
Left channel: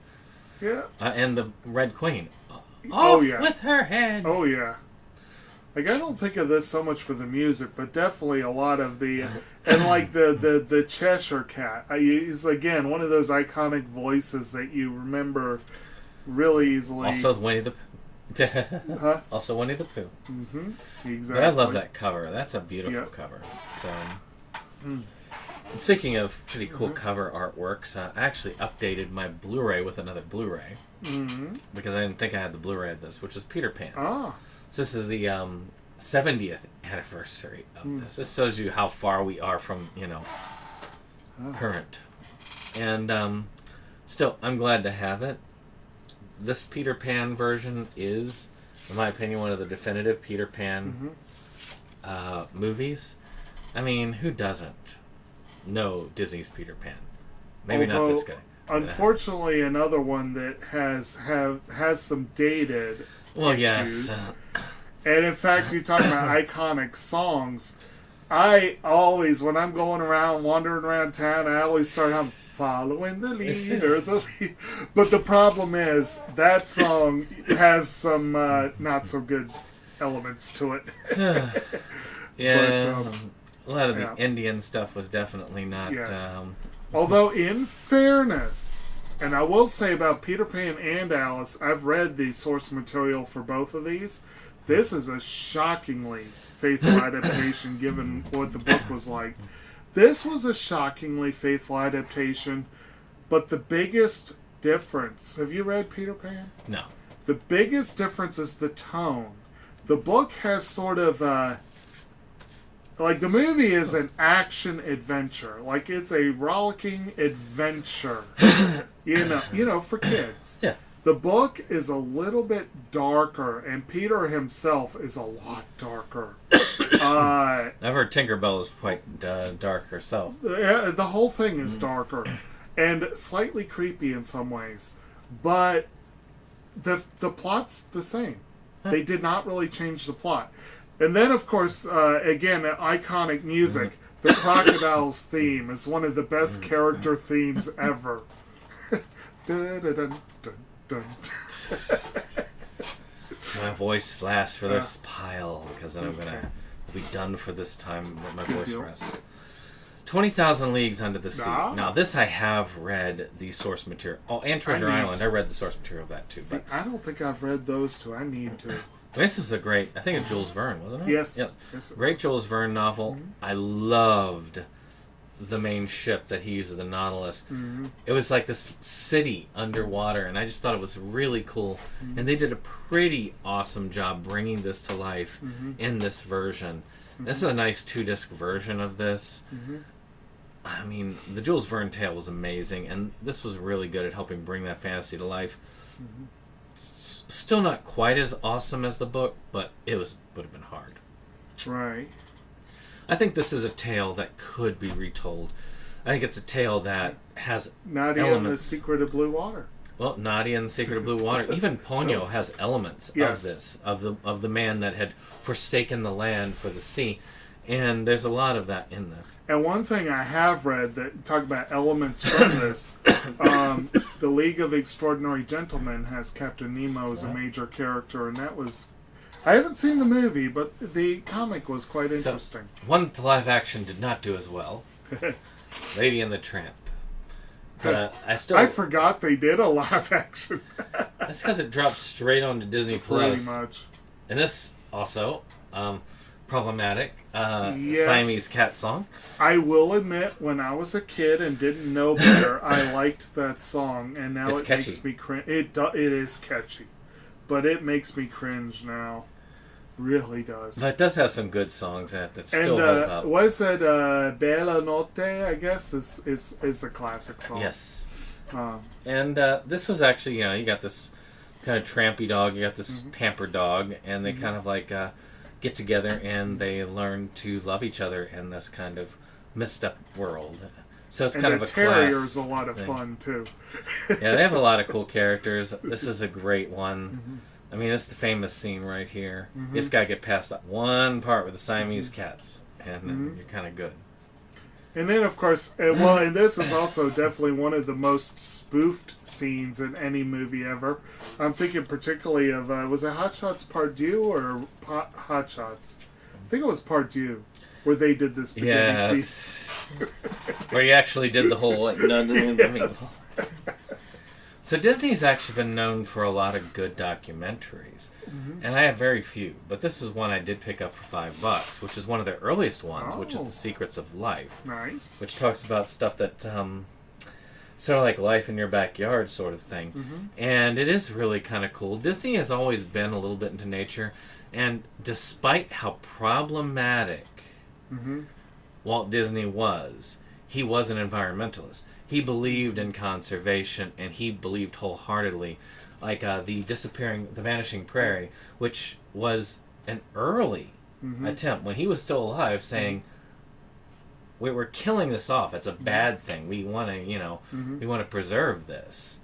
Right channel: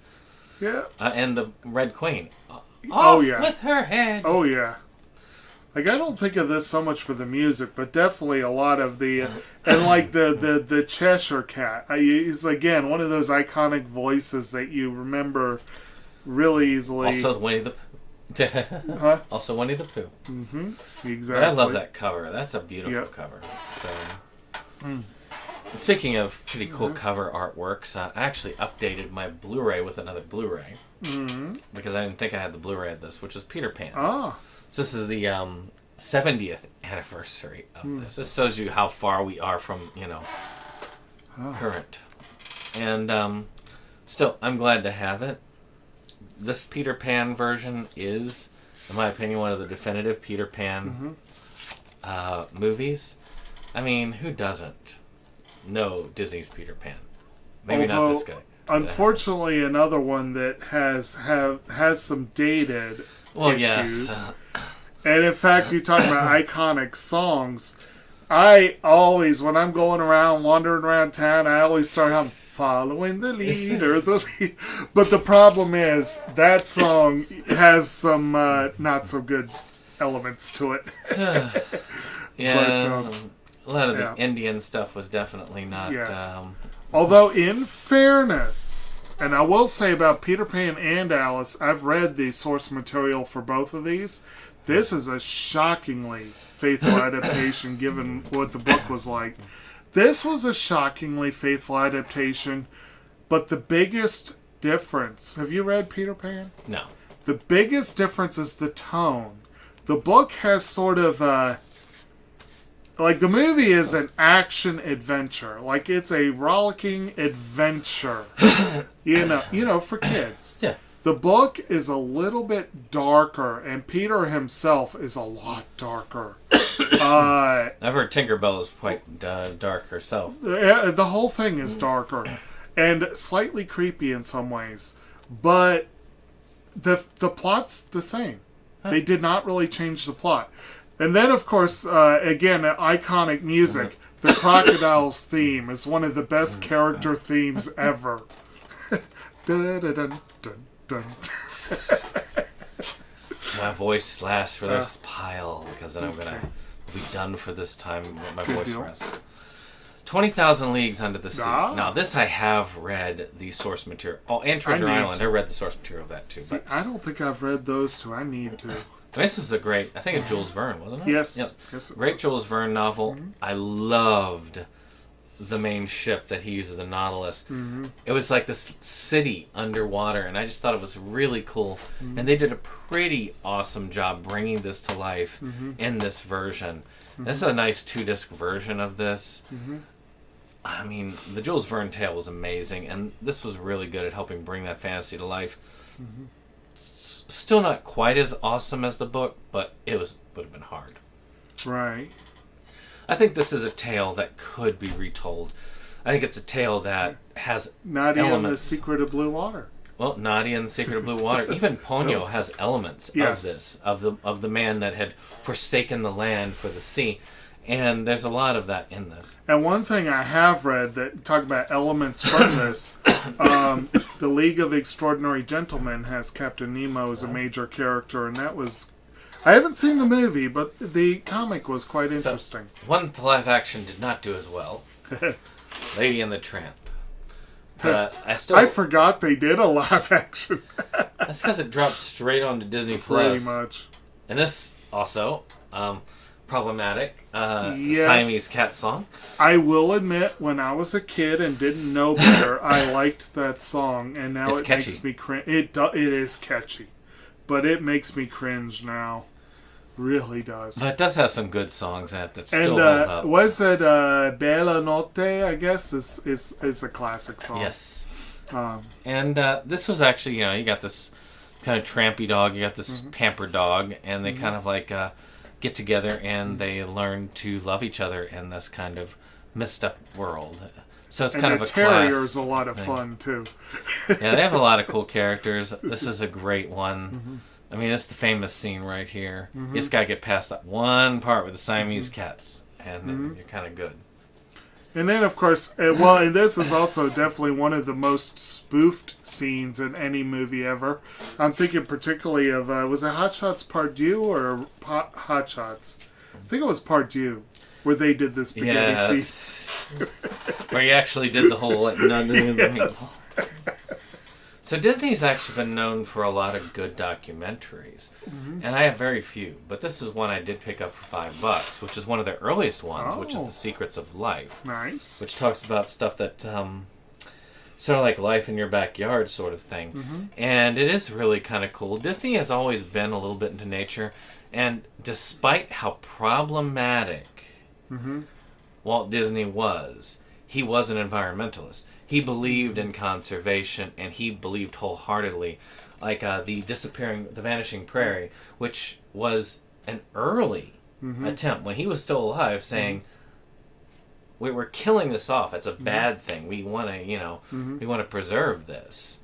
Yeah. And the Red Queen. With her head. Oh yeah. Like, I don't think of this so much for the music, but definitely a lot of the, and like the Cheshire Cat. He's again one of those iconic voices that you remember really easily. Also Winnie the Pooh. Also Winnie the Pooh. Mm-hmm. Exactly. But I love that cover. That's a beautiful cover. So, speaking of pretty cool cover artworks, I actually updated my Blu-ray with another Blu-ray because I didn't think I had the Blu-ray of this, which was Peter Pan. Oh. So this is the 70th anniversary of this. This shows you how far we are from, current. And still, I'm glad to have it. This Peter Pan version is, in my opinion, one of the definitive Peter Pan movies. I mean, who doesn't know Disney's Peter Pan? Maybe not this guy. Unfortunately, another one that has some dated issues. Yes. And in fact, you talk about iconic songs. I always, when I'm going around, wandering around town, I always start humming, following the leader, But the problem is, that song has some not so good elements to it. Yeah, But, a lot of yeah. the Indian stuff was definitely not. Yes. Although, in fairness, and I will say about Peter Pan and Alice, I've read the source material for both of these. This is a shockingly faithful adaptation given what the book was like. This was a shockingly faithful adaptation, but the biggest difference... Have you read Peter Pan? No. The biggest difference is the tone. The book has sort of like the movie is an action adventure. Like it's a rollicking adventure. you know, for kids. Yeah. The book is a little bit darker, and Peter himself is a lot darker. I've heard Tinkerbell is quite dark herself. The whole thing is darker and slightly creepy in some ways, but the plot's the same. They did not really change the plot. And then, of course, again, iconic music. The Crocodiles theme is one of the best character themes ever. Dun, dun, dun, dun, dun. My voice lasts for this pile, because then I'm going to be done for this time when my voice rests. 20,000 Leagues Under the Sea. Now, this I have read the source material. Oh, and Treasure Island. I read the source material of that, too. See, I don't think I've read those two. I need to. This is a great, I think it's Jules Verne, wasn't it? Yes. Yep. Yes, Great Jules Verne novel. I loved the main ship that he uses, the Nautilus. It was like this city underwater, and I just thought it was really cool. And they did a pretty awesome job bringing this to life in this version. This is a nice 2-disc version of this. I mean, the Jules Verne tale was amazing, and this was really good at helping bring that fantasy to life. Still not quite as awesome as the book, but it would have been hard. Right. I think this is a tale that could be retold. I think it's a tale that has Nadia elements. and the Secret of Blue Water. Well, Nadia and the Secret of Blue Water. Even Ponyo has elements of this, of the man that had forsaken the land for the sea. And there's a lot of that in this. And one thing I have read that talk about elements from this, the League of Extraordinary Gentlemen has Captain Nemo as a major character, and that was... I haven't seen the movie, but the comic was quite interesting. So, one live action did not do as well. Lady and the Tramp. I forgot they did a live action. That's because it dropped straight onto Disney+. Pretty much. And this also... problematic Siamese cat song. I will admit, when I was a kid and didn't know better, I liked that song, and now it makes me cringe. It is catchy, but it makes me cringe now. Really does. But it does have some good songs that still hold up. Was it Bella Notte? I guess is a classic song. Yes. And this was actually, you got this kind of trampy dog, you got this pampered dog, and they kind of like. Get together and they learn to love each other in this kind of messed up world. So it's kind of a class. And the terrier's a lot of fun too. Yeah, they have a lot of cool characters. This is a great one. I mean, it's the famous scene right here. You just gotta get past that one part with the Siamese cats, and then you're kind of good. And then, of course, and this is also definitely one of the most spoofed scenes in any movie ever. I'm thinking particularly of, was it Hot Shots Part 2 or Hot Shots? I think it was Part 2, where they did this spaghetti scene. Where you actually did the whole... Yes. So Disney's actually been known for a lot of good documentaries. And I have very few, but this is one I did pick up for $5, which is one of their earliest ones, which is The Secrets of Life. Nice. Which talks about stuff that, sort of like life in your backyard sort of thing. And it is really kind of cool. Disney has always been a little bit into nature, and despite how problematic Walt Disney was, he was an environmentalist. He believed in conservation, and he believed wholeheartedly, like the Vanishing Prairie, which was an early attempt when he was still alive, saying, "We're killing this off. It's a bad thing. We want to, we want to preserve this."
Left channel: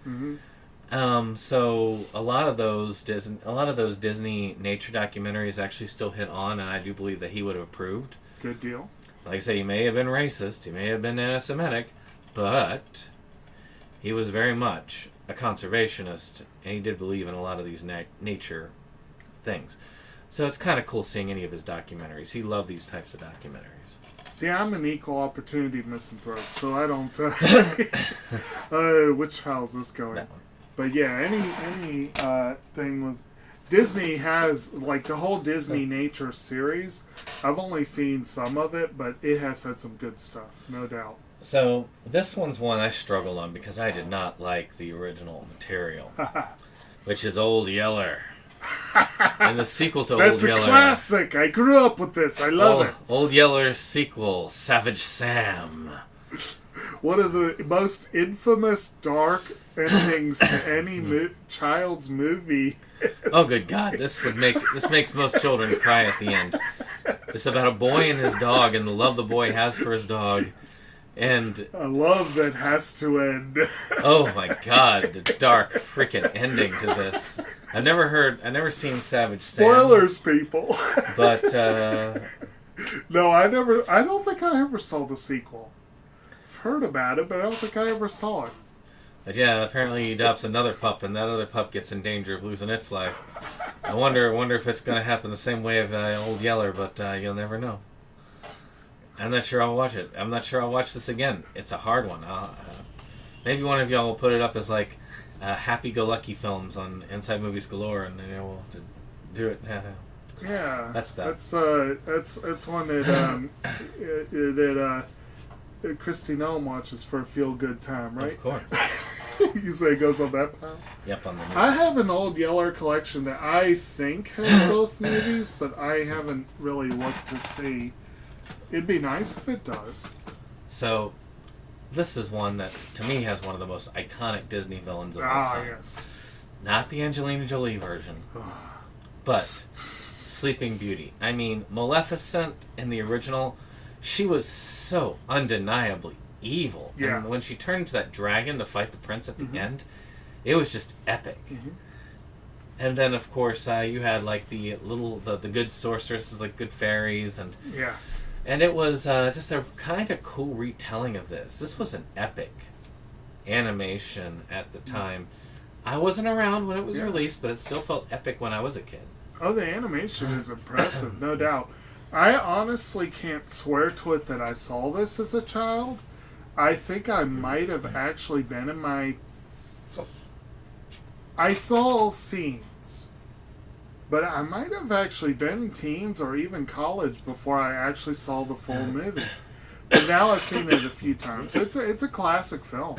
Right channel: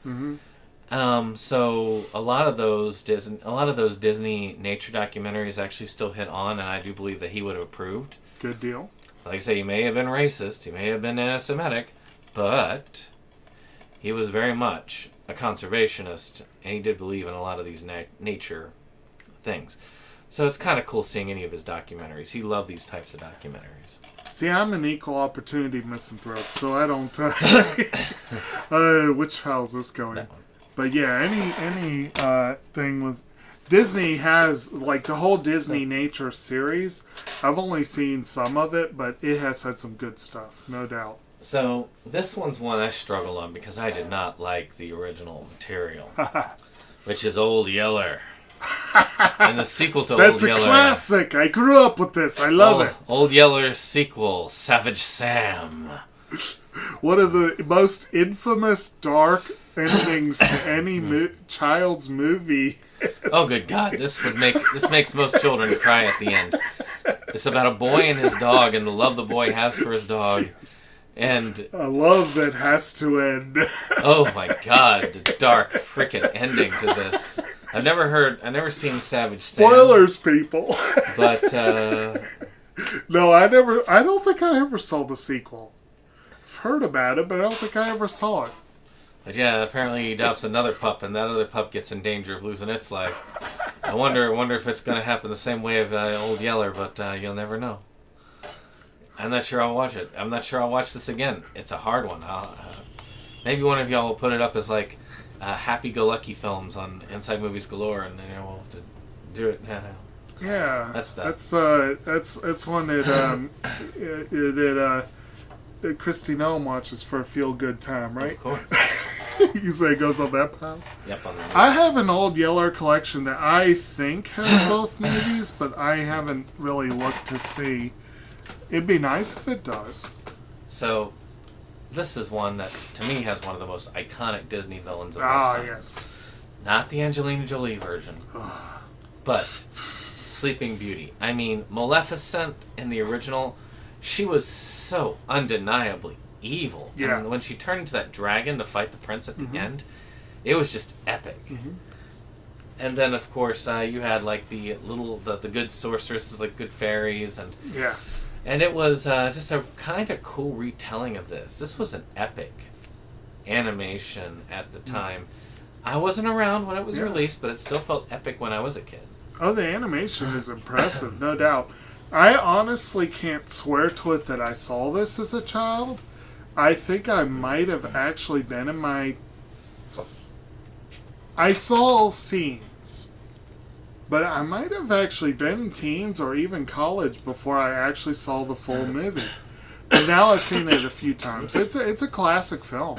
So a lot of those Disney nature documentaries actually still hit on, and I do believe that he would have approved. Good deal. Like I say, he may have been racist, he may have been anti-Semitic, but he was very much a conservationist, and he did believe in a lot of these nature things. So it's kind of cool seeing any of his documentaries. He loved these types of documentaries. See, I'm an equal opportunity misanthrope, so I don't. Which how's this going? No. But yeah, any thing with Disney has like the whole Disney Nature series. I've only seen some of it, but it has had some good stuff, no doubt. So this one's one I struggled on because I did not like the original material, which is Old Yeller. And the sequel to That's Old a Yeller. classic. I grew up with this. I love it. Old Yeller's sequel, Savage Sam. One of the most infamous dark endings to any child's movie. Oh, good God! This makes most children cry at the end. It's about a boy and his dog, and the love the boy has for his dog, and a love that has to end. Oh my God! The dark frickin' ending to this. I've never seen Savage Sam. Spoilers, people. But no, I don't think I ever saw the sequel. I've heard about it, but I don't think I ever saw it. But yeah, apparently he adopts another pup, and that other pup gets in danger of losing its life. I wonder if it's going to happen the same way of Old Yeller, but you'll never know. I'm not sure I'll watch it. I'm not sure I'll watch this again. It's a hard one. Maybe one of y'all will put it up as like happy-go-lucky films on Inside Movies Galore, and we'll do it. Yeah, that's that. That's one that Christy Noam watches for a feel-good time, right? Of course. You say it goes on that pile? Yep, on that. I have an Old Yeller collection that I think has both movies, but I haven't really looked to see. It'd be nice if it does. So, this is one that, to me, has one of the most iconic Disney villains of all time. Yes. Not the Angelina Jolie version, but Sleeping Beauty. I mean, Maleficent in the original, she was so undeniably evil. Yeah. And when she turned into that dragon to fight the prince at the end, it was just epic. Mm-hmm. And then, of course, you had like the good sorceresses, like good fairies, and yeah. And it was just a kind of cool retelling of this. This was an epic animation at the time. I wasn't around when it was released, but it still felt epic when I was a kid. Oh, the animation is impressive, no doubt. I honestly can't swear to it that I saw this as a child. I think I might have actually been in my... I saw scenes, but I might have actually been teens or even college before I actually saw the full movie. And now I've seen it a few times. It's a classic film.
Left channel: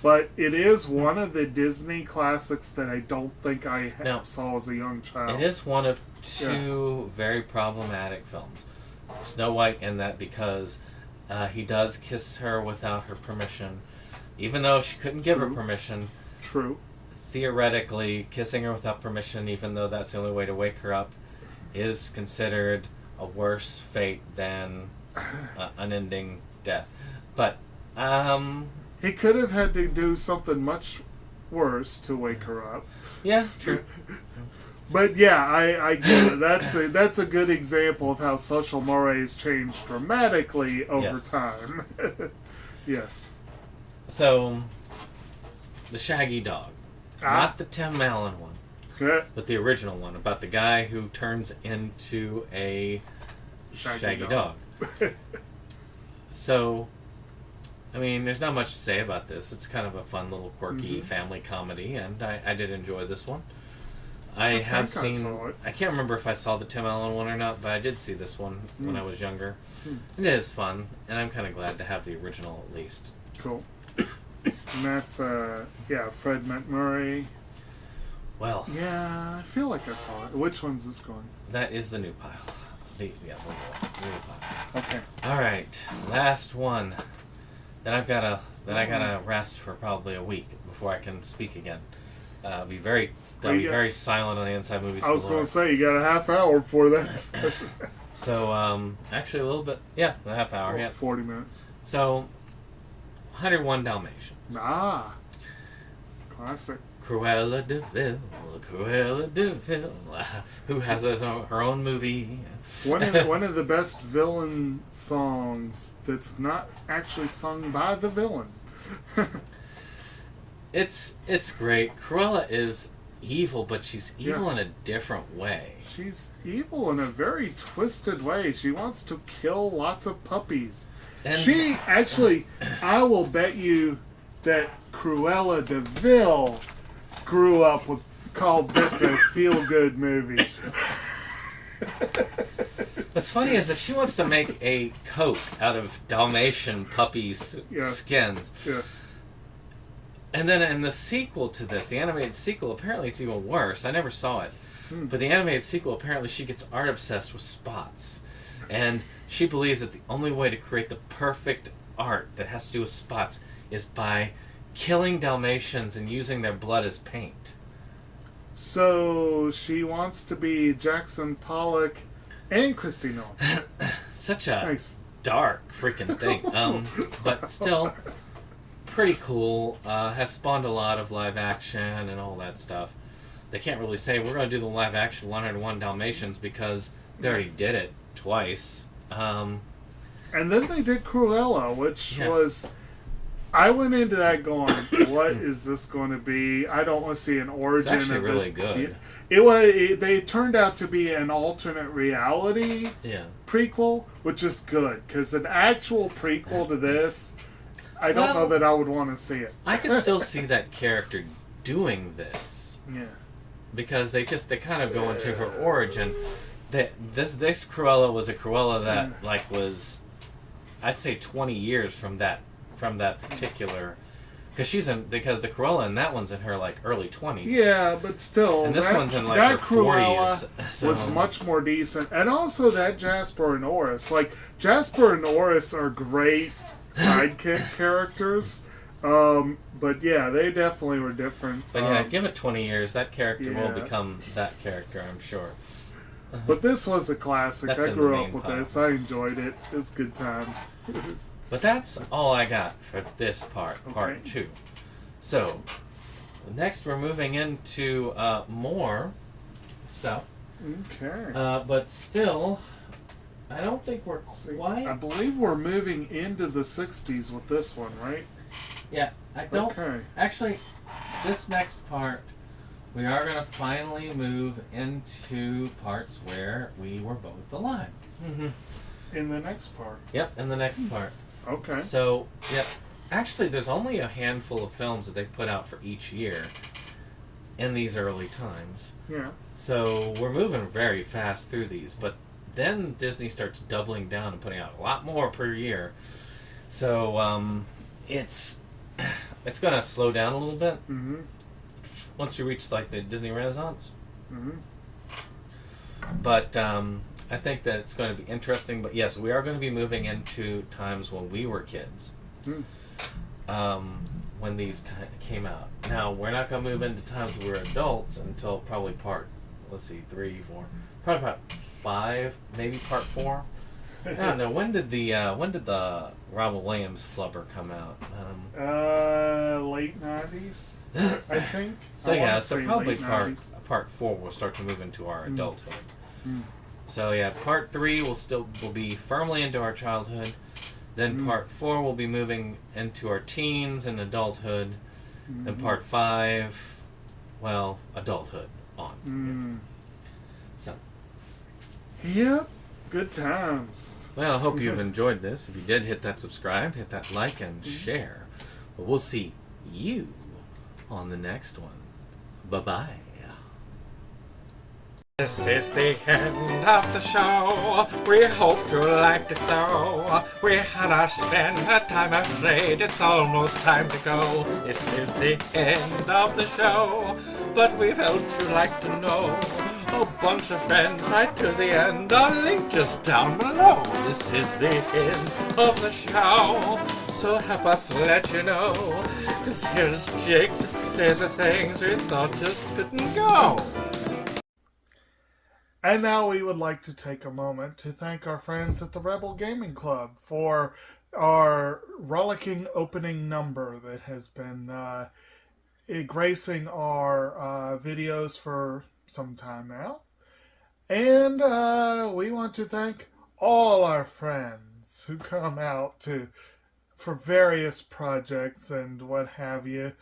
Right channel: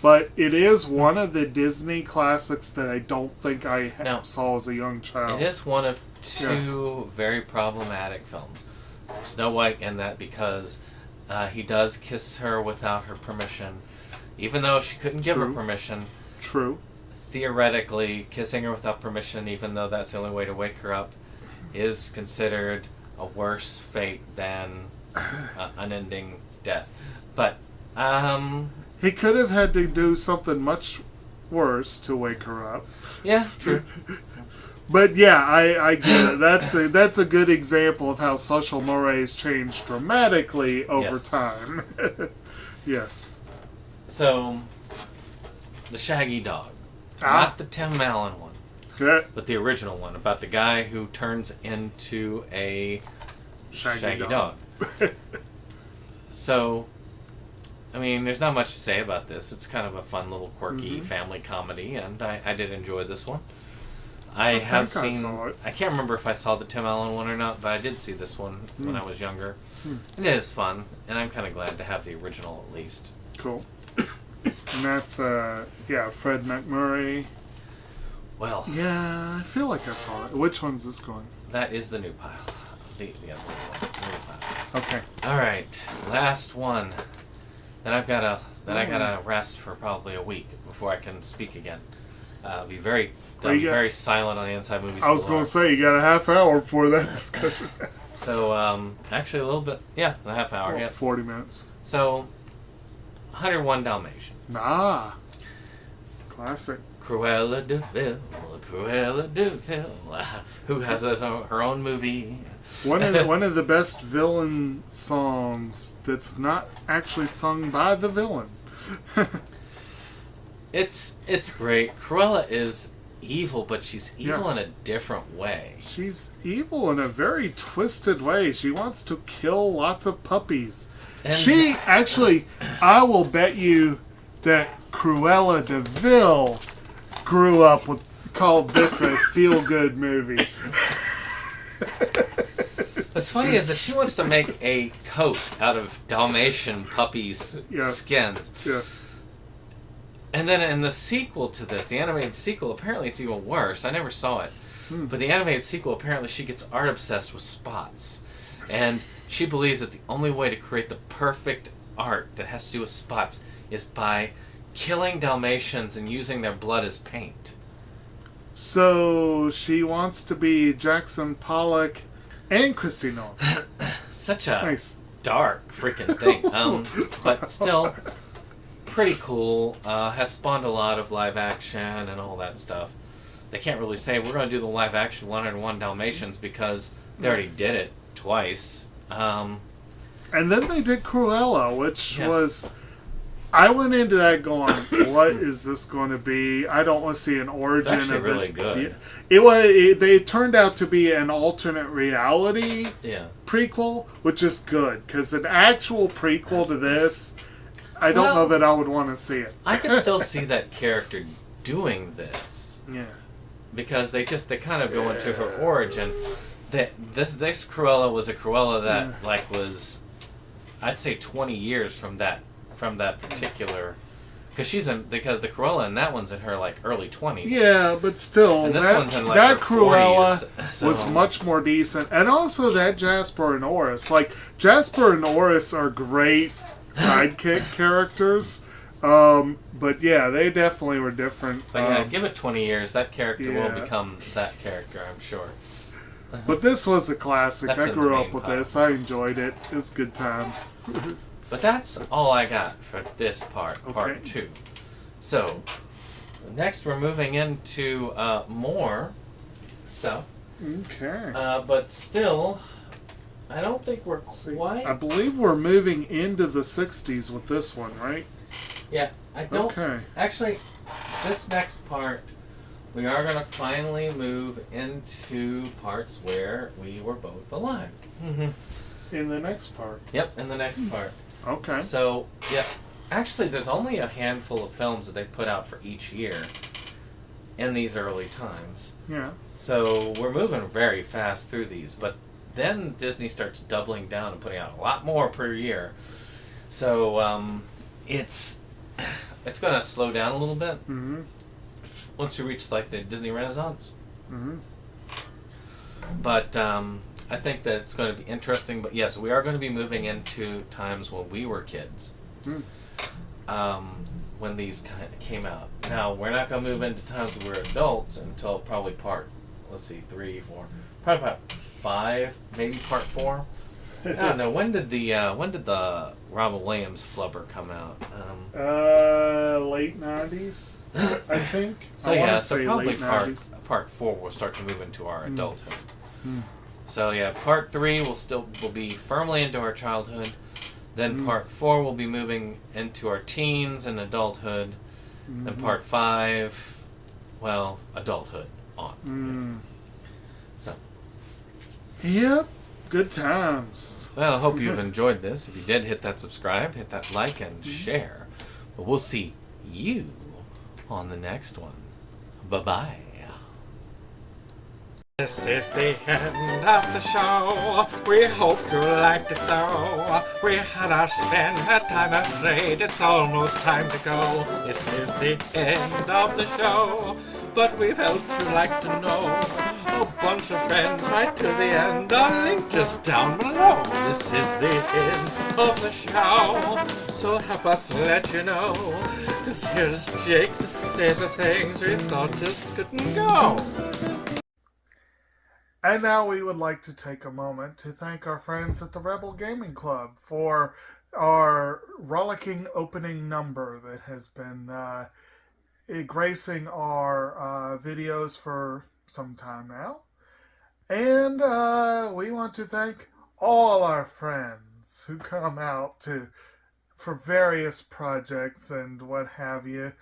But it is one of the Disney classics that I don't think I saw as a young child. It is one of two very problematic films. Snow White and that because he does kiss her without her permission. Even though she couldn't give her permission. True. Theoretically, kissing her without permission, even though that's the only way to wake her up, is considered a worse fate than unending death. But, he could have had to do something much worse to wake her up. Yeah, true. But yeah, I get it. That's a good example of how social mores change dramatically over time. Yes. So, the Shaggy Dog. Not the Tim Allen one. But the original one about the guy who turns into a Shaggy Dog. So, I mean, there's not much to say about this. It's kind of a fun little quirky family comedy, and I did enjoy this one. I saw it. I can't remember if I saw the Tim Allen one or not, but I did see this one when I was younger. And it is fun, and I'm kind of glad to have the original at least. Cool. And that's, Fred McMurray. Well. Yeah, I feel like I saw it. Which one's this going? That is the new pile. The other one. Okay. All right. Last one. Then I gotta rest for probably a week before I can speak again. I'll be very silent on the Inside Movies. I was going to say, you got a half hour before that discussion. So, actually a little bit, a half hour. Well, 40 minutes. So, 101 Dalmatians. Classic. Cruella de Vil, who has her own movie. One of the best villain songs that's not actually sung by the villain. It's great. Cruella is evil, but she's evil in a different way. She's evil in a very twisted way. She wants to kill lots of puppies. And she actually, I will bet you that Cruella de Vil grew up with, called this a feel-good movie. What's funny is that she wants to make a coat out of Dalmatian puppies' skins. Yes. And then in the sequel to this, the animated sequel, apparently it's even worse. I never saw it. But the animated sequel, apparently she gets art obsessed with spots. And she believes that the only way to create the perfect art that has to do with spots is by killing Dalmatians and using their blood as paint. So she wants to be Jackson Pollock and Christy Nolan. Such a dark freaking thing. But still pretty cool. Has spawned a lot of live action and all that stuff. They can't really say we're going to do the live action 101 Dalmatians because they already did it twice. And then they did Cruella, which was... I went into that going, what is this going to be? I don't want to see an origin of really this. Good. They turned out to be an alternate reality prequel, which is good, because an actual prequel to this, I don't know that I would want to see it. I can still see that character doing this. Yeah. Because they kind of go into her origin. This Cruella was a Cruella that was, I'd say 20 years from that particular, because the Cruella in that one's in her early 20s. Yeah, but still, that Cruella 40s, was much more decent, and also that Jasper and Oris. Jasper and Oris are great sidekick characters, but yeah, they definitely were different. But give it 20 years, that character will become that character, I'm sure. But this was a classic. I grew up with this. I enjoyed it. It was good times. But that's all I got for this part 2. So, next we're moving into more stuff. Okay. But still, I don't think we're quite... I believe we're moving into the 60s with this one, right? Yeah, I don't... Okay. Actually, this next part, we are going to finally move into parts where we were both alive. In the next part? Yep, in the next part. Okay. So, yeah, actually there's only a handful of films that they put out for each year in these early times. Yeah. So we're moving very fast through these, but then Disney starts doubling down and putting out a lot more per year. So it's going to slow down a little bit once you reach the Disney Renaissance. But I think that it's going to be interesting. But yes, we are going to be moving into times when we were kids. When these kind of came out. Now, we're not going to move into times when we're adults until probably part, 3, 4, probably part 5, maybe part 4. I don't know. When did the Robin Williams flubber come out? Late 90s, I think. So probably part 4 will start to move into our adulthood. So yeah, part 3 will be firmly into our childhood. Then part 4 will be moving into our teens and adulthood. And part 5, adulthood on. So. Yep, good times. Well, I hope you've enjoyed this. If you did, hit that subscribe, hit that like, and share. But we'll see you on the next one. Bye-bye. This is the end of the show. We hope you liked it though. We had our spend, had time afraid. It's almost time to go. This is the end of the show. But we felt you'd like to know. A bunch of friends right to the end. A link just down below. This is the end of the show. So help us let you know. 'Cause here's Jake to say the things we thought just didn't go. And now we would like to take a moment to thank our friends at the Rebel Gaming Club for our rollicking opening number that has been gracing our videos for some time now. And we want to thank all our friends who come out for various projects and what have you.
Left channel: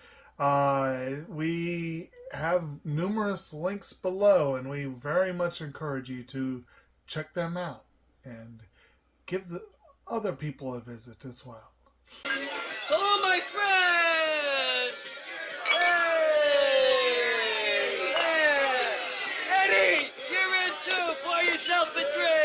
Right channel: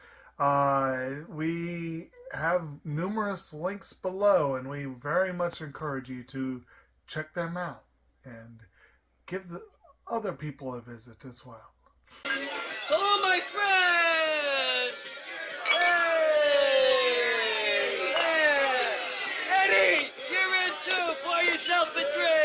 We have numerous links below, and we very much encourage you to check them out and give the other people a visit as well. Hello, my friends! Hey! Yeah! Eddie, you're in too! Pour yourself a drink!